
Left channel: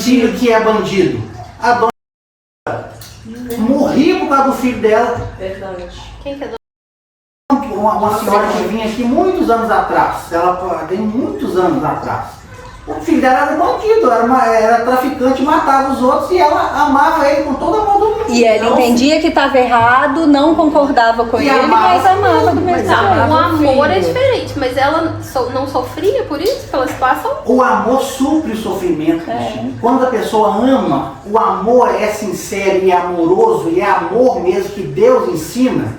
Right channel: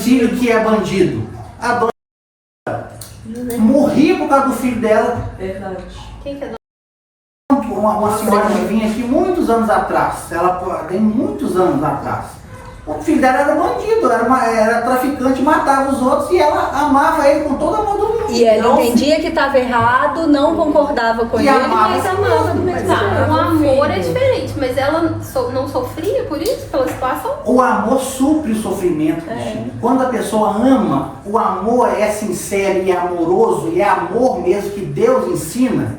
filho que é bandido. A dona morri por causa do filho dela. Verdade. Quem que é Uma senhora que vinha aqui muitos anos atrás. Ela tem muitos anos atrás. O filho dela era bandido, era traficante, matava os outros e ela amava ele com todo o amor do mundo. E ela entendia que estava errado, não concordava com E ele, amava mas amava do mesmo Não, jeito. o amor é diferente, mas ela não sofria por isso que elas passam? O amor supre o sofrimento, Cristina. Quando a pessoa ama, o amor é sincero e é amoroso, e é amor mesmo que Deus ensina.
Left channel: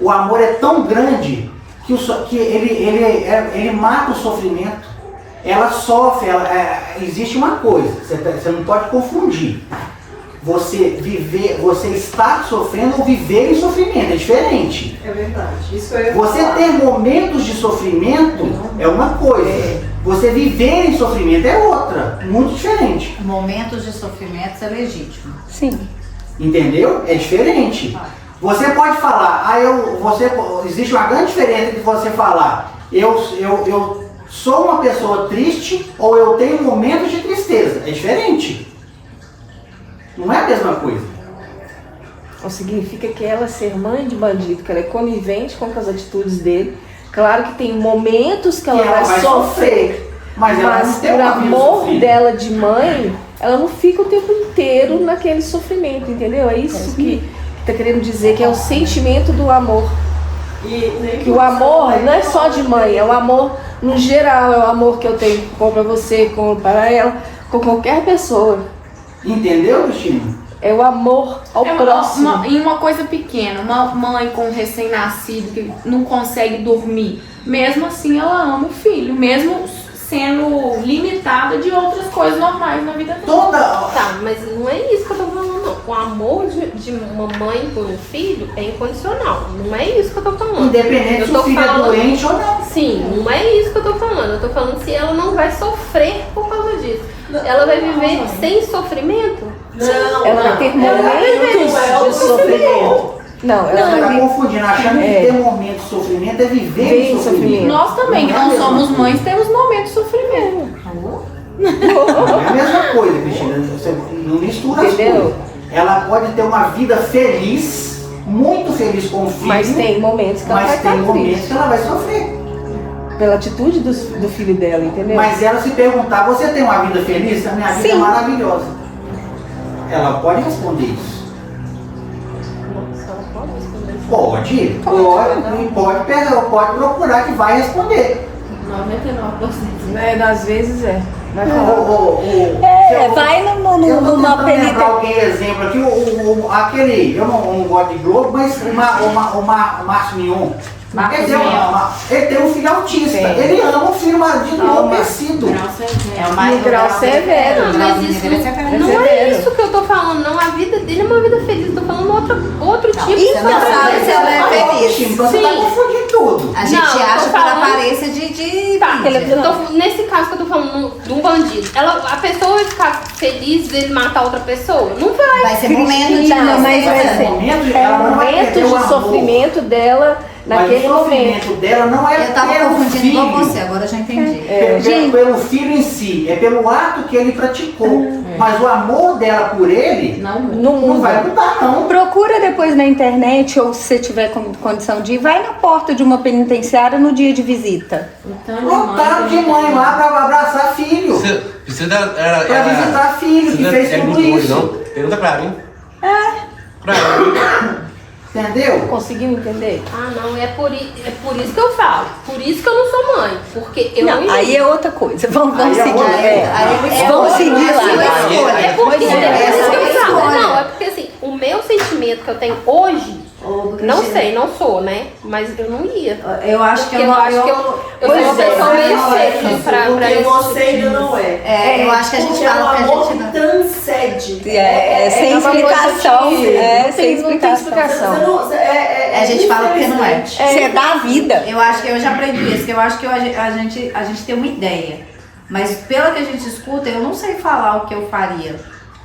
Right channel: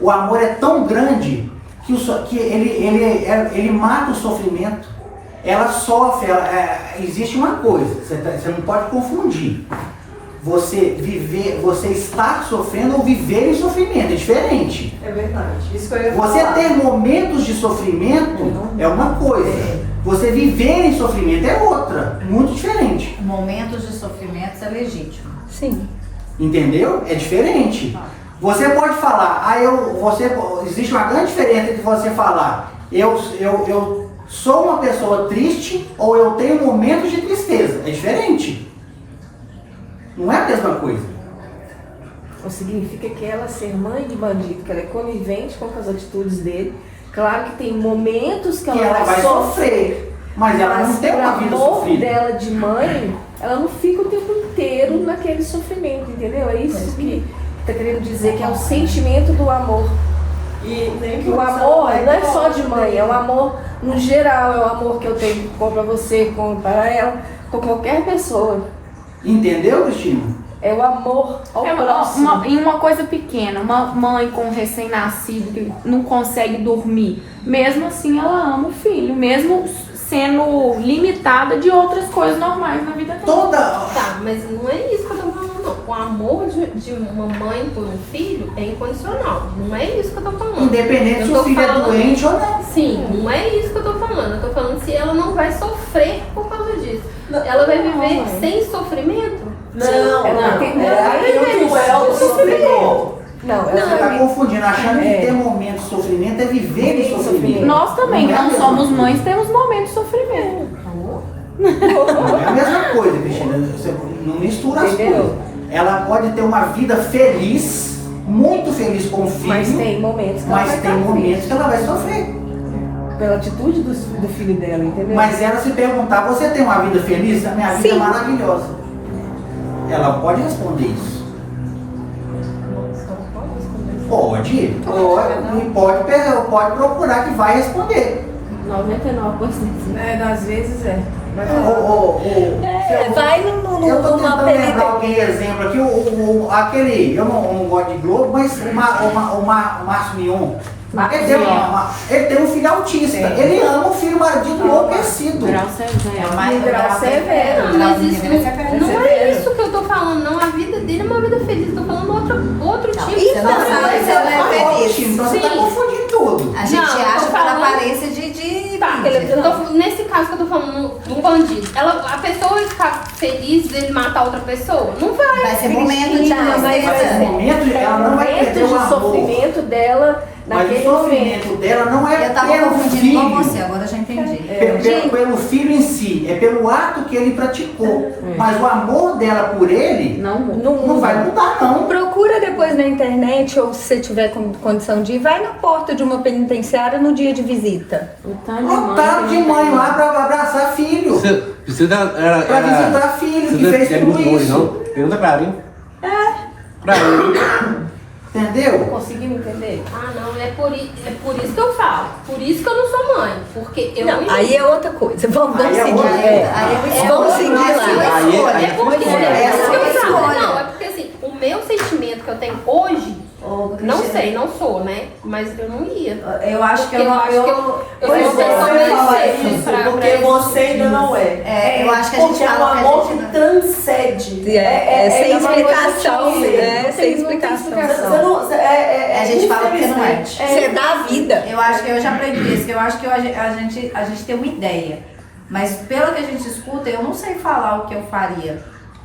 O amor é tão grande que ele mata o sofrimento. Ela sofre, existe uma coisa, você não pode confundir. Você estar sofrendo ou viver em sofrimento, é diferente. É verdade. Isso que eu ia Você falar. ter momentos de sofrimento é uma coisa. Você viver em sofrimento é outra, muito diferente. Momentos de sofrimento é legítimo. Sim. Entendeu? É diferente. Você pode falar, existe uma grande diferença entre você falar, eu sou uma pessoa triste ou eu tenho momentos de tristeza. É diferente. Não é a mesma coisa. Não significa que ela ser mãe de bandido, que ela é conivente com as atitudes dele. Claro que tem momentos que Que ela vai sofrer. Mas ela não tem por uma vida amor sofrida. dela de mãe, ela não fica o tempo inteiro naquele sofrimento, entendeu? É isso que tá querendo dizer, que é o sentimento do amor. Que o amor não é só de mãe, é o amor no geral, é o amor que eu tenho para você, para ela, com qualquer pessoa. Entendeu, Cristina? É o amor ao É próximo. em uma coisa pequena, uma mãe com um recém-nascido que não consegue dormir, mesmo assim ela ama o filho, mesmo sendo limitada de outras coisas normais na vida dela. Tá, mas não é isso que eu tô falando. O amor de uma mãe por um filho é incondicional. Não é isso que eu tô falando. Independente Eu se tô o filho é falando- doente ou não. Sim, não é isso que eu tô falando. Eu tô falando se ela não vai sofrer por causa disso. Ela vai viver mãe. sem sofrimento? Não, Ela não. tem Ela momentos não é o de sofrimento. Não, Você ela está tem confundindo, achando que ter momento de sofrimento é viver Viver em em sofrimento. sofrimento. Nós também, que Não é a não mesma somos coisa. mães, temos momentos de sofrimento. Não é a mesma coisa, Cristina. Você não mistura as Entendeu? coisas. Ela pode ter uma vida feliz, muito feliz com o filho, Mas tem momentos que ela mas vai tem estar momentos triste. que ela vai sofrer. Pela atitude do filho dela, entendeu? Mas ela se perguntar, você tem uma vida feliz? A minha vida é maravilhosa. Ela pode responder isso. Pode procurar que vai responder. 99%. Né? Às vezes é. Vai falar. Vai Eu estou numa tentando lembrar alguém exemplo aqui, eu não gosto de Globo, mas o Márcio Mion. Ele tem um filho autista. Ele ama o filho de enlouquecido. Grau severo. No grau severo. Mas isso não é isso que eu tô falando, não. A vida dele é uma vida feliz. Eu tô falando outro tipo de Você não sabe se ela é feliz. Então você está confundindo tudo. A gente Não, eu tô acha pela falando- aparência de Tá, nesse caso que eu tô falando do bandido, a pessoa vai ficar feliz dele matar outra pessoa? Não vai. vai ser momento de Não, mas Mas esse tristeza. momento ela não vai Momentos perder o de amor. sofrimento dela Mas naquele o momento. sofrimento dela não é Eu tava pelo confundindo com filho. você, agora eu já entendi. pelo filho em si, é pelo ato que ele praticou. Mas o amor dela por ele não vai mudar, não. Procura depois na internet, ou se você tiver condição de ir, vai na porta de uma penitenciária no dia de visita. Lotado de mãe lá pra abraçar filho. Precisa Pra visitar filho que fez tudo isso. Não? Pergunta pra mim. Pra mim. Entendeu? Conseguiu entender? Ah, não, é por isso que eu falo. Por isso que eu não sou mãe. Porque eu não Aí é outra coisa. Vamos Aí é seguir. outra Vamos seguir lá. É porque assim, o meu sentimento que eu tenho hoje, não sei, não sou, né? Mas eu não ia. Eu acho que eu não. sou Pois uma pessoa meio sexy porque você ainda não é. Eu acho que a gente Porque é um fala que a amor gente que não. transcende. Sem explicação. Sem explicação. A gente fala que não é. Você dá a vida. Eu acho que eu já aprendi isso, que eu acho que a gente tem uma ideia. Mas pelo que a gente escuta, eu não sei falar o que eu faria.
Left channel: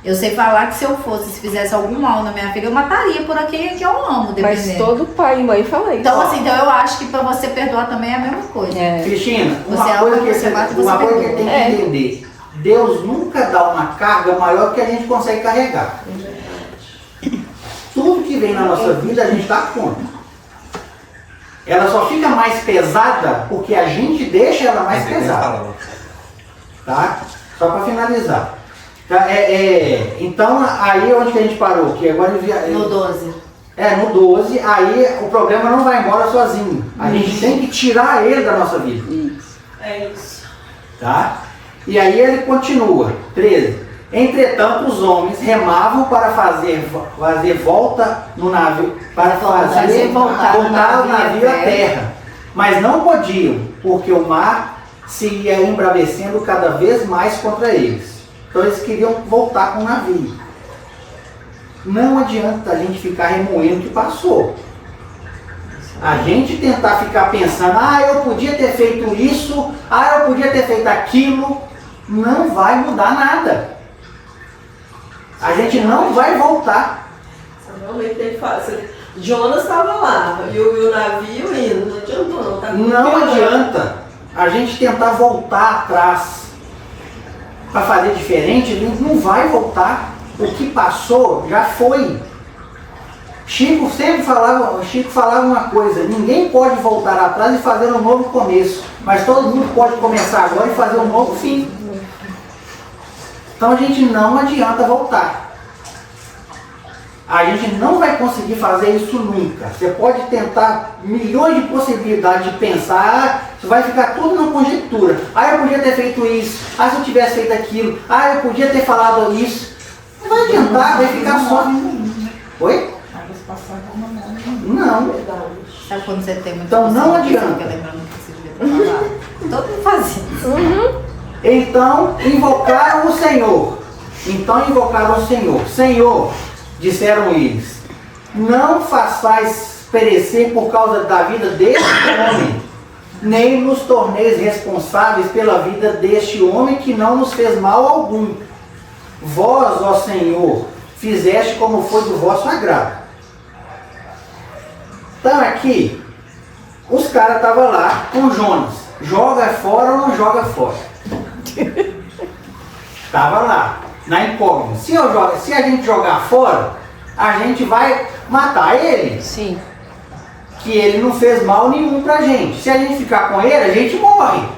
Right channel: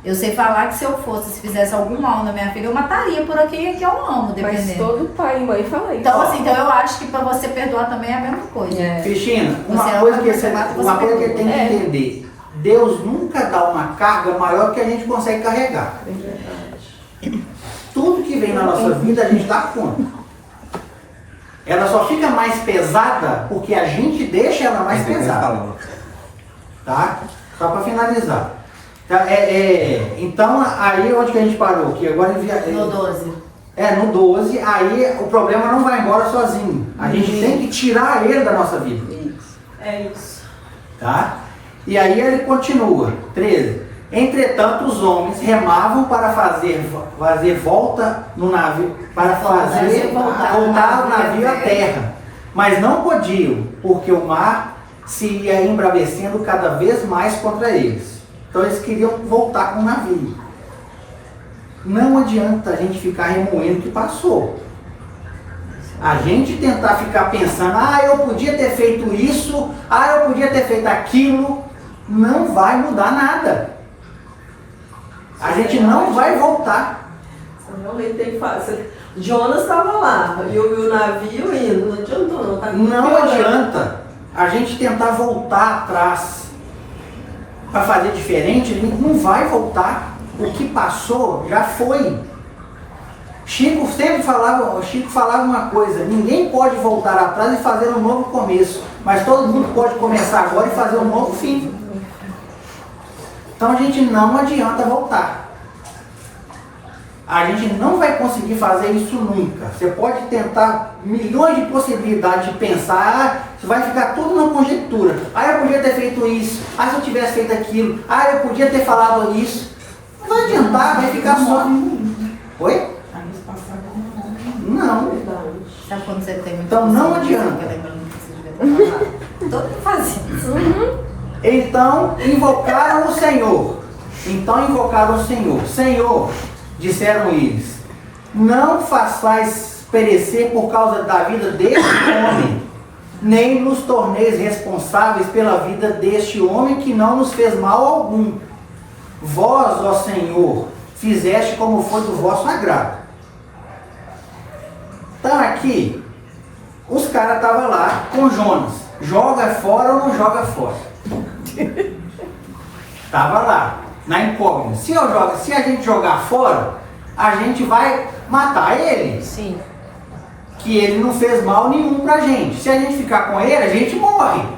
Eu sei falar que se eu fosse, se fizesse algum mal na minha filha, eu mataria por quem que eu amo, Mas dependendo. todo pai e mãe fala isso. Então, assim, eu acho que pra você perdoar também é a mesma coisa. Cristina, uma Você coisa ama, que você mata, você uma coisa que perdoa. tem que entender. Deus nunca dá uma carga maior que a gente consegue carregar. Tudo que vem na nossa vida a gente dá conta. Ela só fica mais pesada porque a gente deixa ela mais pesada. Tá? Só para finalizar. Tá, então, aí onde que a gente parou? Que agora No 12. no 12, aí o problema não vai embora sozinho. A gente tem que tirar ele da nossa vida. É isso. Tá? E aí ele continua, 13. Entretanto, os homens remavam para fazer volta no navio, para fazer voltar o navio à terra. Mas não podiam, porque o mar se ia embravecendo cada vez mais contra eles. Então eles queriam voltar com o navio. Não adianta a gente ficar remoendo o que passou. A gente tentar ficar pensando, eu podia ter feito isso, eu podia ter feito aquilo, não vai mudar nada. A gente não vai voltar. Você realmente tem que fazer. Jonas estava lá, e o navio indo, não adiantou não. Tá Não adianta a gente tentar voltar atrás para fazer diferente, não vai voltar. O que passou já foi. Chico falava uma coisa: ninguém pode voltar atrás e fazer um novo começo, mas todo mundo pode começar agora e fazer um novo fim. Então a gente não adianta voltar. A gente não vai conseguir fazer isso nunca. Você pode tentar milhões de possibilidades de pensar, vai ficar tudo na conjectura. Eu podia ter feito isso, se eu tivesse feito aquilo, eu podia ter falado isso. Não vai adiantar, vai ficar só. Oi? Não. Sabe quando você tem muito. Então não adianta. Todo mundo faz isso. Então invocaram o Senhor. Senhor, disseram eles, não façais perecer por causa da vida deste homem, nem nos torneis responsáveis pela vida deste homem que não nos fez mal algum. Vós, ó Senhor, fizeste como foi do vosso agrado. Então aqui, os caras estavam lá com Jonas. Joga fora ou não joga fora? Estava lá, na incógnita. Se a gente jogar fora, a gente vai matar ele. Sim. Que ele não fez mal nenhum pra gente. Se a gente ficar com ele, a gente morre.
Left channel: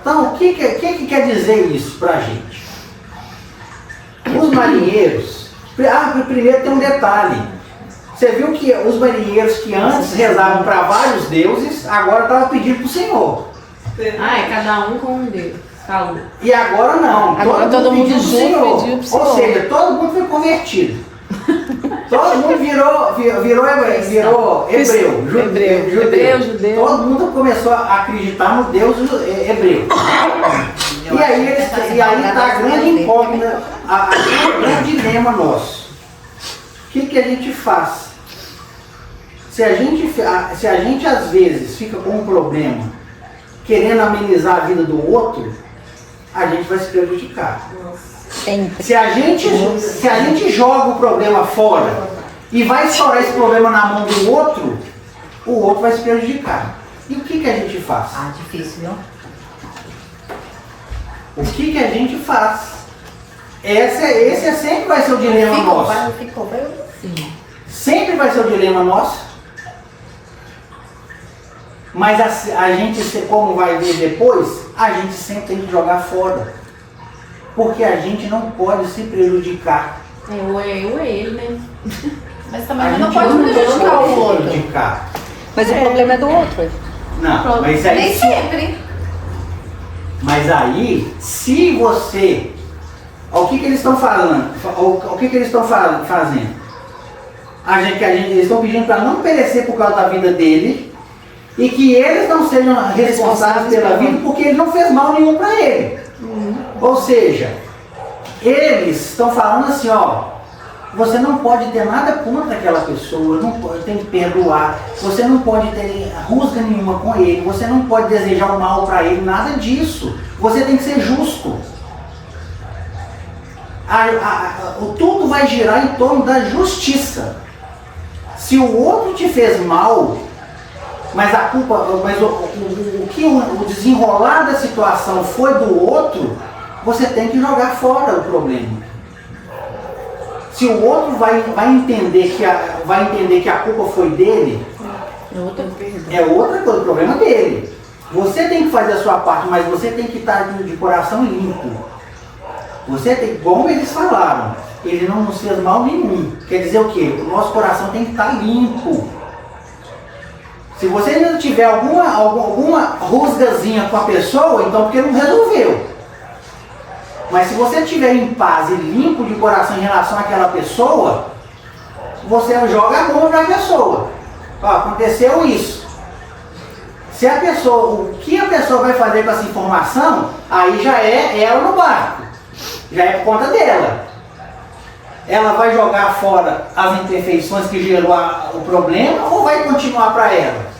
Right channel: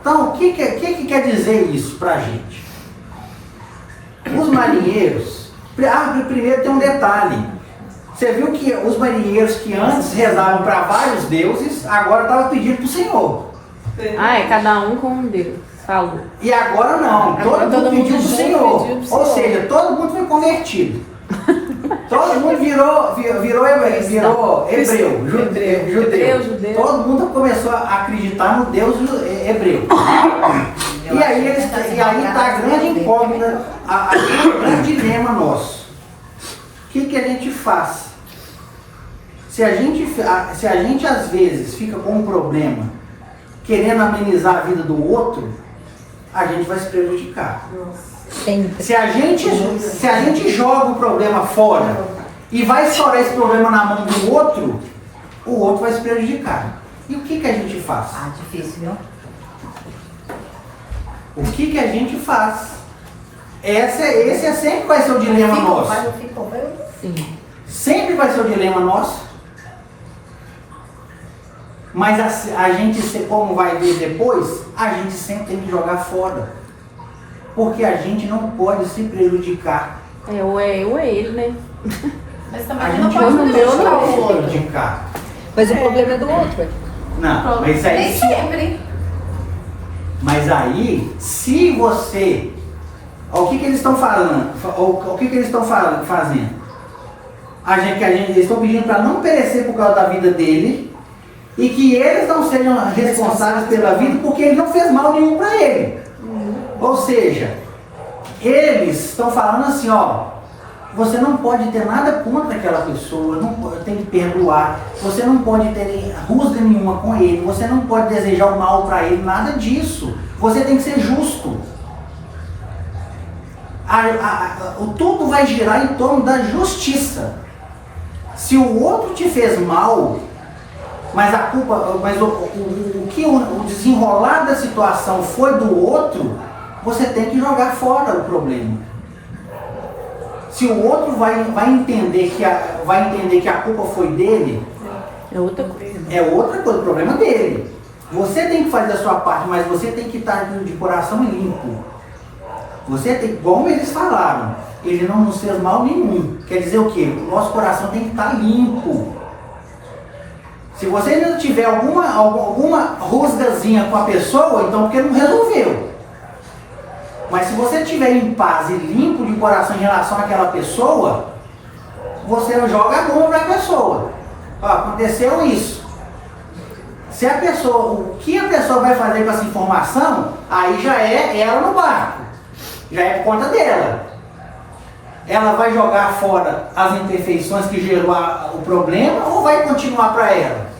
Então, o que quer dizer isso pra gente? Os marinheiros... primeiro tem um detalhe. Você viu que os marinheiros que antes rezavam para vários deuses, agora estavam pedindo para o Senhor. Cada um com um Deus. Falou. E agora não. Agora todo mundo pediu para o Senhor. pediu pro Ou Senhor. seja, todo mundo foi convertido. Todo mundo virou judeu. Todo mundo começou a acreditar no Deus hebreu. E aí está a grande incógnita, o grande dilema nosso. O que a gente faz? Se a gente às vezes fica com um problema, querendo amenizar a vida do outro, a gente vai se prejudicar. Sempre. Se a gente joga o problema fora e vai estourar esse problema na mão do outro, o outro vai se prejudicar. E o que a gente faz? Ah, difícil, viu? O que a gente faz? Esse sempre vai ser o dilema nosso. Ficou, sim. Sempre vai ser o dilema nosso. Mas a gente, como vai ver depois, a gente sempre tem que jogar fora. Porque a gente não pode se prejudicar. Ou é ele, né? Mas A também não gente pode não prejudicar pode o se outro. prejudicar. Mas o problema é do outro. Não, mas aí... Nem sempre. Mas aí, se você... O que eles estão falando? O que eles estão fazendo? Eles estão pedindo para não perecer por causa da vida dele e que eles não sejam responsáveis pela vida porque ele não fez mal nenhum para ele. Ou seja, eles estão falando assim, ó, você não pode ter nada contra aquela pessoa, tem que perdoar, você não pode ter rusga nenhuma com ele, você não pode desejar o mal para ele, nada disso. Você tem que ser justo. Tudo vai girar em torno da justiça. Se o outro te fez mal, mas a culpa, mas o desenrolar da situação foi do outro, você tem que jogar fora o problema. Se o outro vai entender que a culpa foi dele, É outra coisa. é outra coisa, o problema é dele. Você tem que fazer a sua parte, mas você tem que estar de coração limpo. Você tem, como eles falaram, ele não nos fez mal nenhum. Quer dizer o quê? O nosso coração tem que estar limpo. Se você não tiver alguma rusgazinha com a pessoa, então porque não resolveu. Mas se você estiver em paz e limpo de coração em relação àquela pessoa, você joga a bomba para a pessoa. Ó, aconteceu isso. Se a pessoa, o que a pessoa vai fazer com essa informação, aí já é ela no barco. Já é por conta dela. Ela vai jogar fora as imperfeições que gerou o problema ou vai continuar para ela?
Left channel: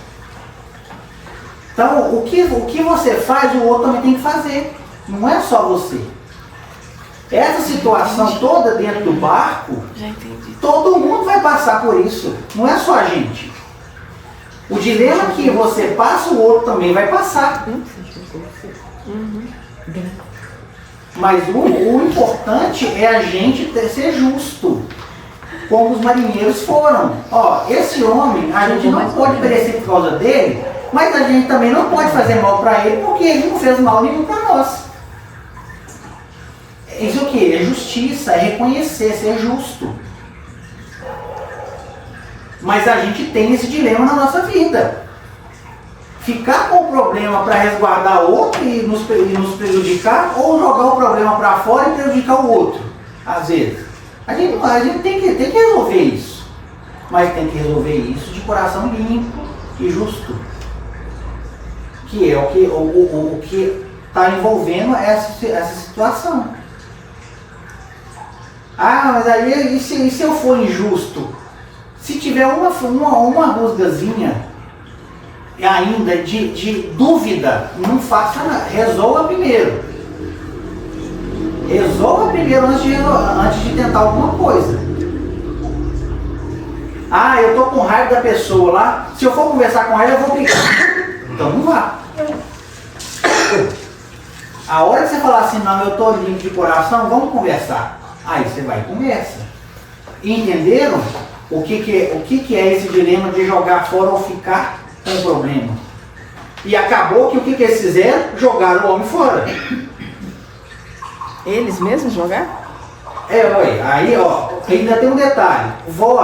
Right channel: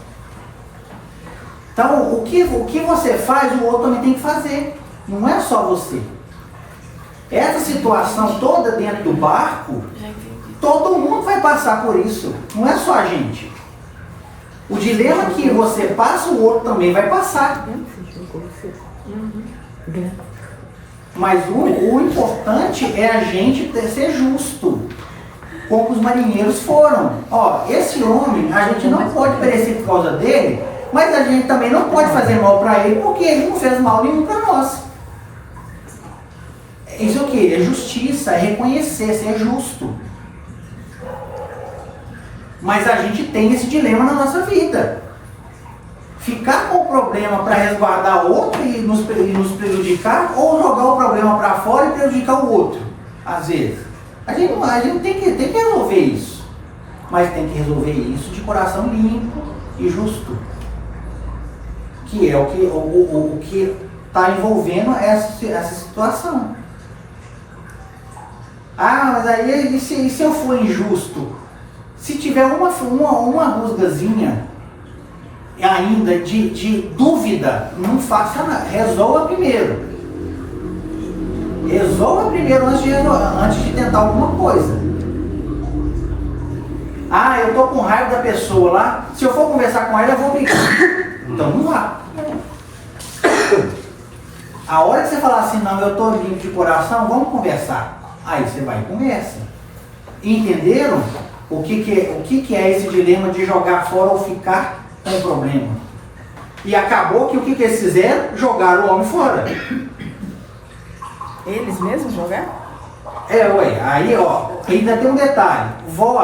Então, o que você faz, o outro também tem que fazer. Não é só você. Essa situação toda dentro do barco, todo mundo vai passar por isso. Não é só a gente. O dilema que você passa, o outro também vai passar. Mas o importante é a gente ser justo, como os marinheiros foram. Ó, esse homem, a gente não pode perecer por causa dele, mas a gente também não pode fazer mal para ele, porque ele não fez mal nenhum para nós. Isso é o que? É justiça, é reconhecer, ser justo. Mas a gente tem esse dilema na nossa vida. Ficar com o problema para resguardar o outro e nos prejudicar, ou jogar o problema para fora e prejudicar o outro. Às vezes. A gente tem que resolver isso. Mas tem que resolver isso de coração limpo e justo. Que é o que está envolvendo essa situação. Ah, mas aí e se eu for injusto? Se tiver uma rusgazinha ainda de dúvida, não faça nada. Resolva primeiro. Resolva primeiro antes de tentar alguma coisa. Ah, eu tô com raiva da pessoa lá. Se eu for conversar com ela, eu vou brigar. Então não vá. A hora que você falar assim, não, eu tô limpo de coração, vamos conversar. Aí você vai e conversa. Entenderam o que é esse dilema de jogar fora ou ficar com o problema? E acabou que o que eles fizeram? Jogaram o homem fora. Eles mesmos jogaram? Ué, aí ó, ainda tem um detalhe.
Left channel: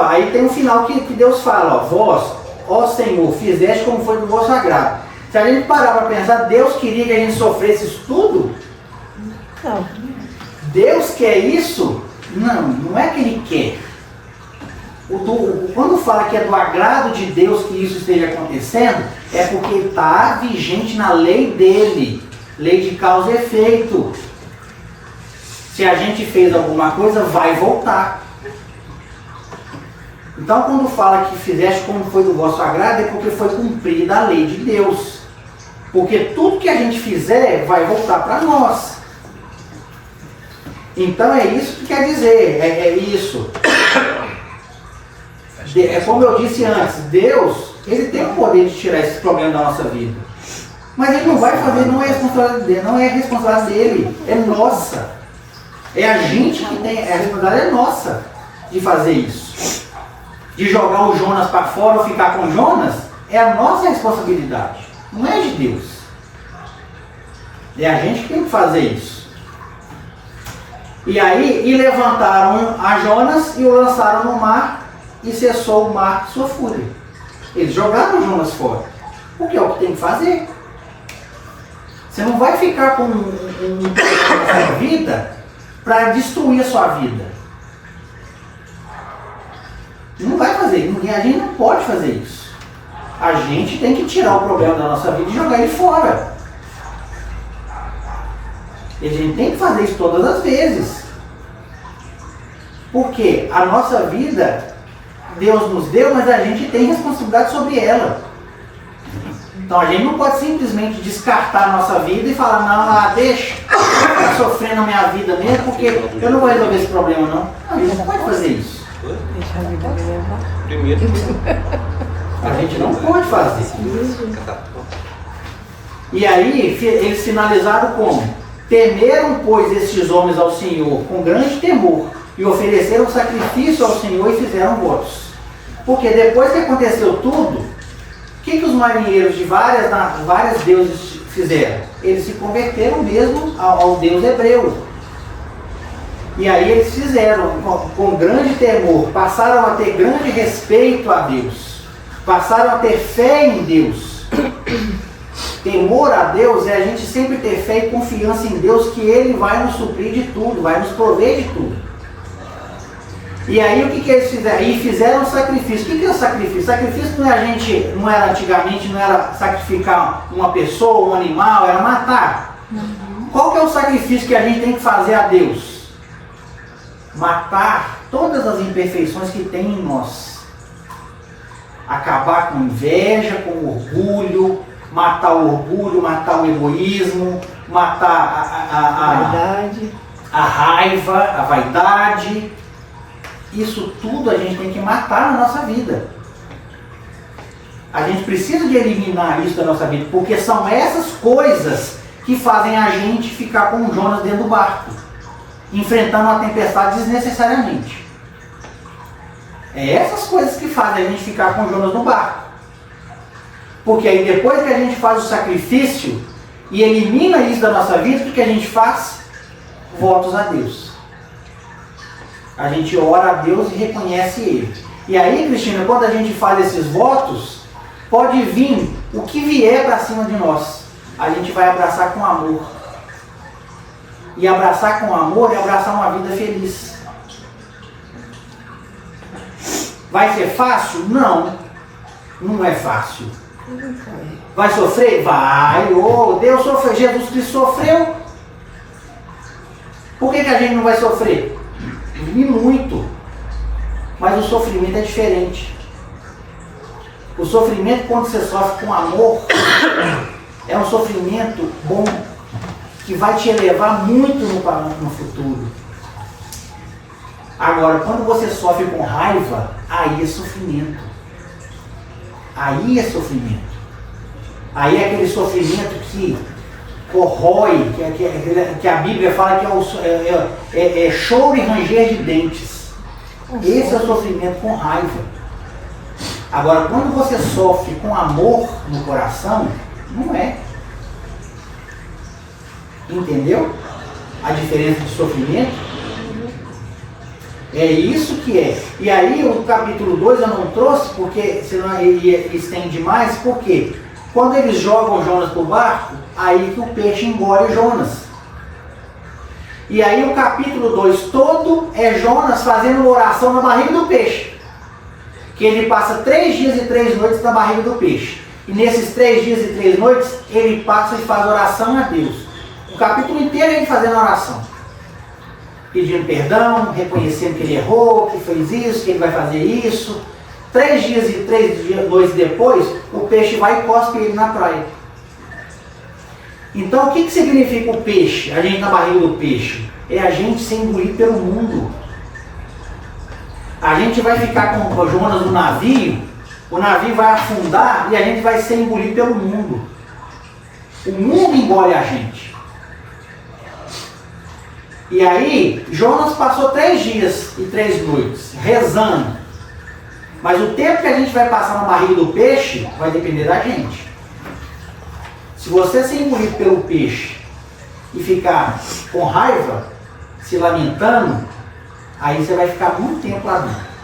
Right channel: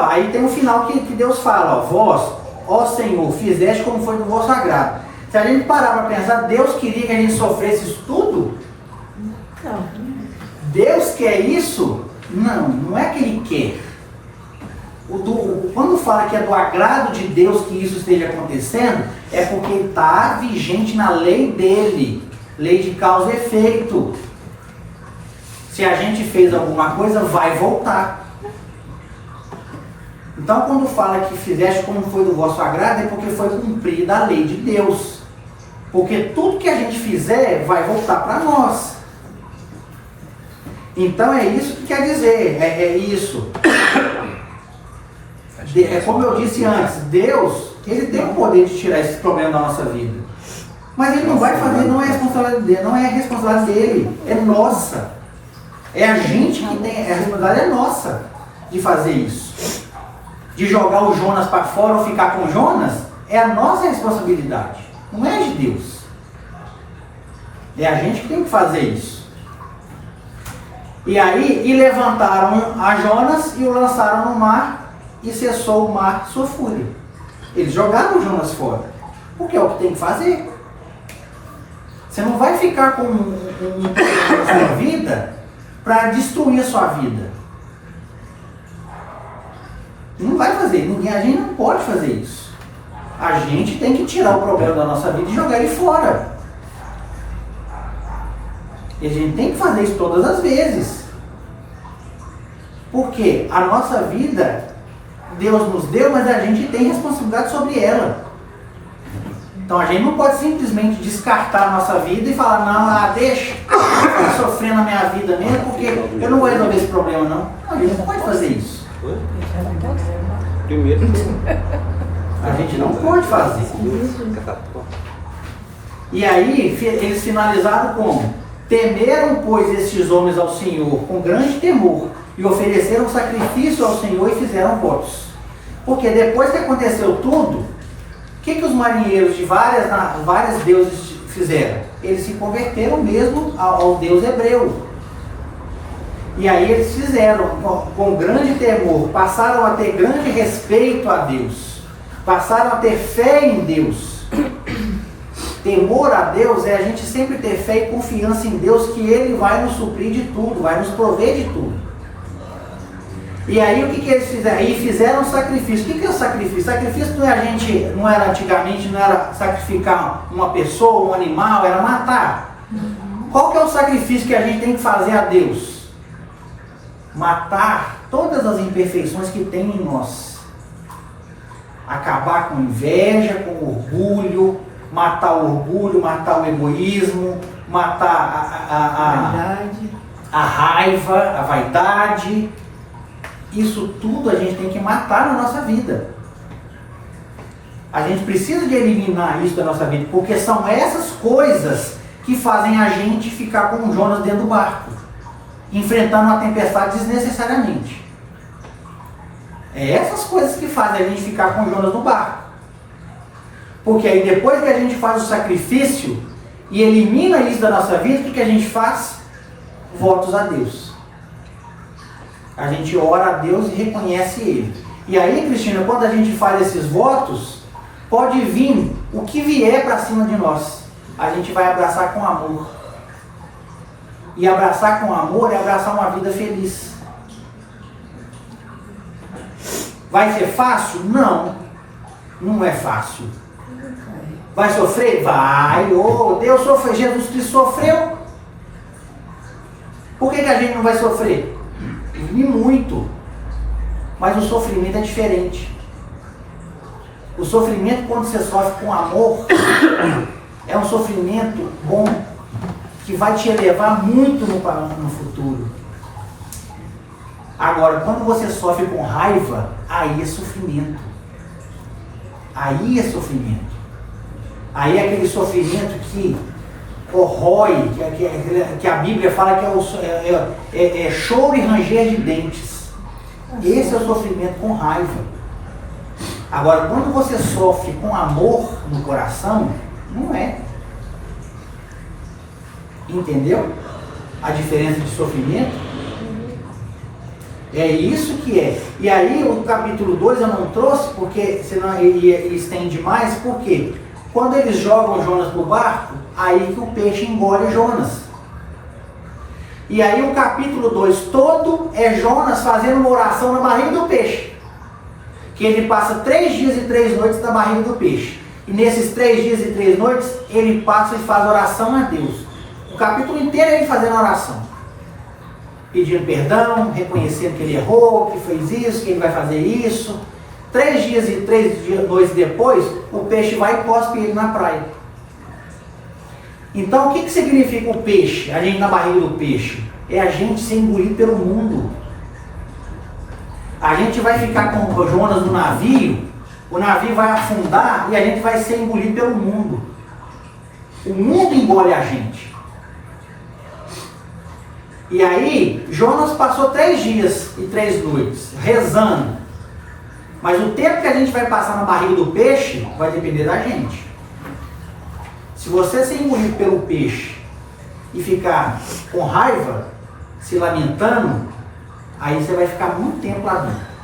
Aí tem um final que Deus fala, ó, vós, ó Senhor, fizeste como foi do vosso agrado. Se a gente parar para pensar, Deus queria que a gente sofresse isso tudo? Não. Deus quer isso? Não é que Ele quer. Quando fala que é do agrado de Deus que isso esteja acontecendo, é porque está vigente na lei dele, lei de causa e efeito. Se a gente fez alguma coisa, vai voltar. Então, quando fala que fizeste como foi do vosso agrado, é porque foi cumprida a lei de Deus. Porque tudo que a gente fizer vai voltar para nós. Então é isso que quer dizer, é isso. É como eu disse antes, Deus, ele tem o poder de tirar esses problemas da nossa vida. Mas ele não vai fazer, não é responsabilidade dele, não é responsabilidade dele, é nossa. É a gente que tem, a responsabilidade é nossa de fazer isso. De jogar o Jonas para fora ou ficar com o Jonas, é a nossa responsabilidade, não é de Deus. É a gente que tem que fazer isso. E aí, levantaram a Jonas e o lançaram no mar e cessou o mar sua fúria. Eles jogaram o Jonas fora, porque é o que tem que fazer. Você não vai ficar com um na sua vida para destruir a sua vida. Não vai fazer, a gente não pode fazer isso. A gente tem que tirar o problema da nossa vida e jogar ele fora. E a gente tem que fazer isso todas as vezes. Porque a nossa vida, Deus nos deu, mas a gente tem responsabilidade sobre ela. Então a gente não pode simplesmente descartar a nossa vida e falar, não, deixa eu sofrer na minha vida mesmo, porque eu não vou resolver esse problema não. Não, a gente não pode fazer isso. Primeiro. A gente não pode fazer. E aí eles finalizaram como? Temeram, pois, estes homens ao Senhor com grande temor e ofereceram sacrifício ao Senhor e fizeram votos. Porque depois que aconteceu tudo, o que os marinheiros de várias deuses fizeram? Eles se converteram mesmo ao Deus hebreu. E aí eles fizeram com grande temor, passaram a ter grande respeito a Deus, passaram a ter fé em Deus. Temor a Deus é a gente sempre ter fé e confiança em Deus que Ele vai nos suprir de tudo, vai nos prover de tudo. E aí o que eles fizeram? E fizeram sacrifício. O que é o sacrifício? Sacrifício não era antigamente, não era sacrificar uma pessoa, um animal, era matar. Qual que é o sacrifício que a gente tem que fazer a Deus? Matar todas as imperfeições que tem em nós. Acabar com inveja, com orgulho, matar o orgulho, matar o egoísmo, matar a raiva, a vaidade. Isso tudo a gente tem que matar na nossa vida. A gente precisa de eliminar isso da nossa vida, porque são essas coisas que fazem a gente ficar com o Jonas dentro do barco, enfrentando uma tempestade desnecessariamente. É essas coisas que fazem a gente ficar com o Jonas no barco. Porque aí depois que a gente faz o sacrifício e elimina isso da nossa vida, o que a gente faz? Votos a Deus. A gente ora a Deus e reconhece Ele. E aí, Cristina, quando a gente faz esses votos, pode vir o que vier para cima de nós. A gente vai abraçar com amor. E abraçar com amor é abraçar uma vida feliz. Vai ser fácil? Não. Não é fácil. Vai sofrer? Vai. Oh, Deus sofreu, Jesus Cristo sofreu. Por que a gente não vai sofrer? E muito. Mas o sofrimento é diferente. O sofrimento, quando você sofre com amor, é um sofrimento bom, que vai te elevar muito no futuro. Agora, quando você sofre com raiva, aí é sofrimento. Aí é sofrimento. Aí é aquele sofrimento que corrói, que a Bíblia fala que é choro e ranger de dentes. Esse é o sofrimento com raiva. Agora, quando você sofre com amor no coração, não é. Entendeu? A diferença de sofrimento? É isso que é. E aí o capítulo 2 eu não trouxe, porque senão ele estende demais, porque quando eles jogam Jonas do barco, aí que o peixe engole Jonas. E aí o capítulo 2 todo é Jonas fazendo uma oração na barriga do peixe. Que ele passa 3 dias e 3 noites na barriga do peixe. E nesses 3 dias e 3 noites, ele passa e faz oração a Deus. O capítulo inteiro é ele fazendo oração. Pedindo perdão, reconhecendo que ele errou, que fez isso, que ele vai fazer isso. 3 dias e 3 noites depois, o peixe vai e cospe ele na praia. Então, o que significa o peixe? A gente na barriga do peixe. É a gente ser engolido pelo mundo. A gente vai ficar com o Jonas no navio, o navio vai afundar e a gente vai ser engolido pelo mundo. O mundo engole a gente. E aí, Jonas passou 3 dias e 3 noites rezando. Mas o tempo que a gente vai passar na barriga do peixe vai depender da gente. Se você ser engolido pelo peixe e ficar com raiva, se lamentando, aí você vai ficar muito tempo lá dentro.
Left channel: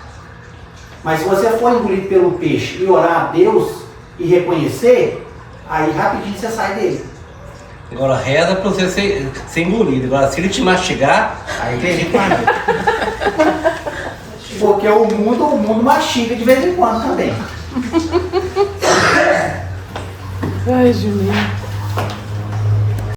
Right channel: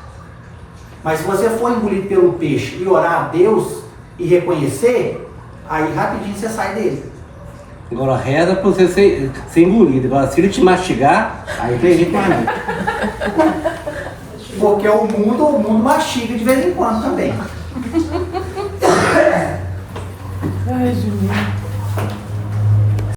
Mas se você for engolido pelo peixe e orar a Deus e reconhecer, aí rapidinho você sai dele. Agora reza pra você ser engolido. Agora se ele te mastigar, aí tem jeito mais. Porque o mundo mastiga de vez em quando também. Ai, Julinha.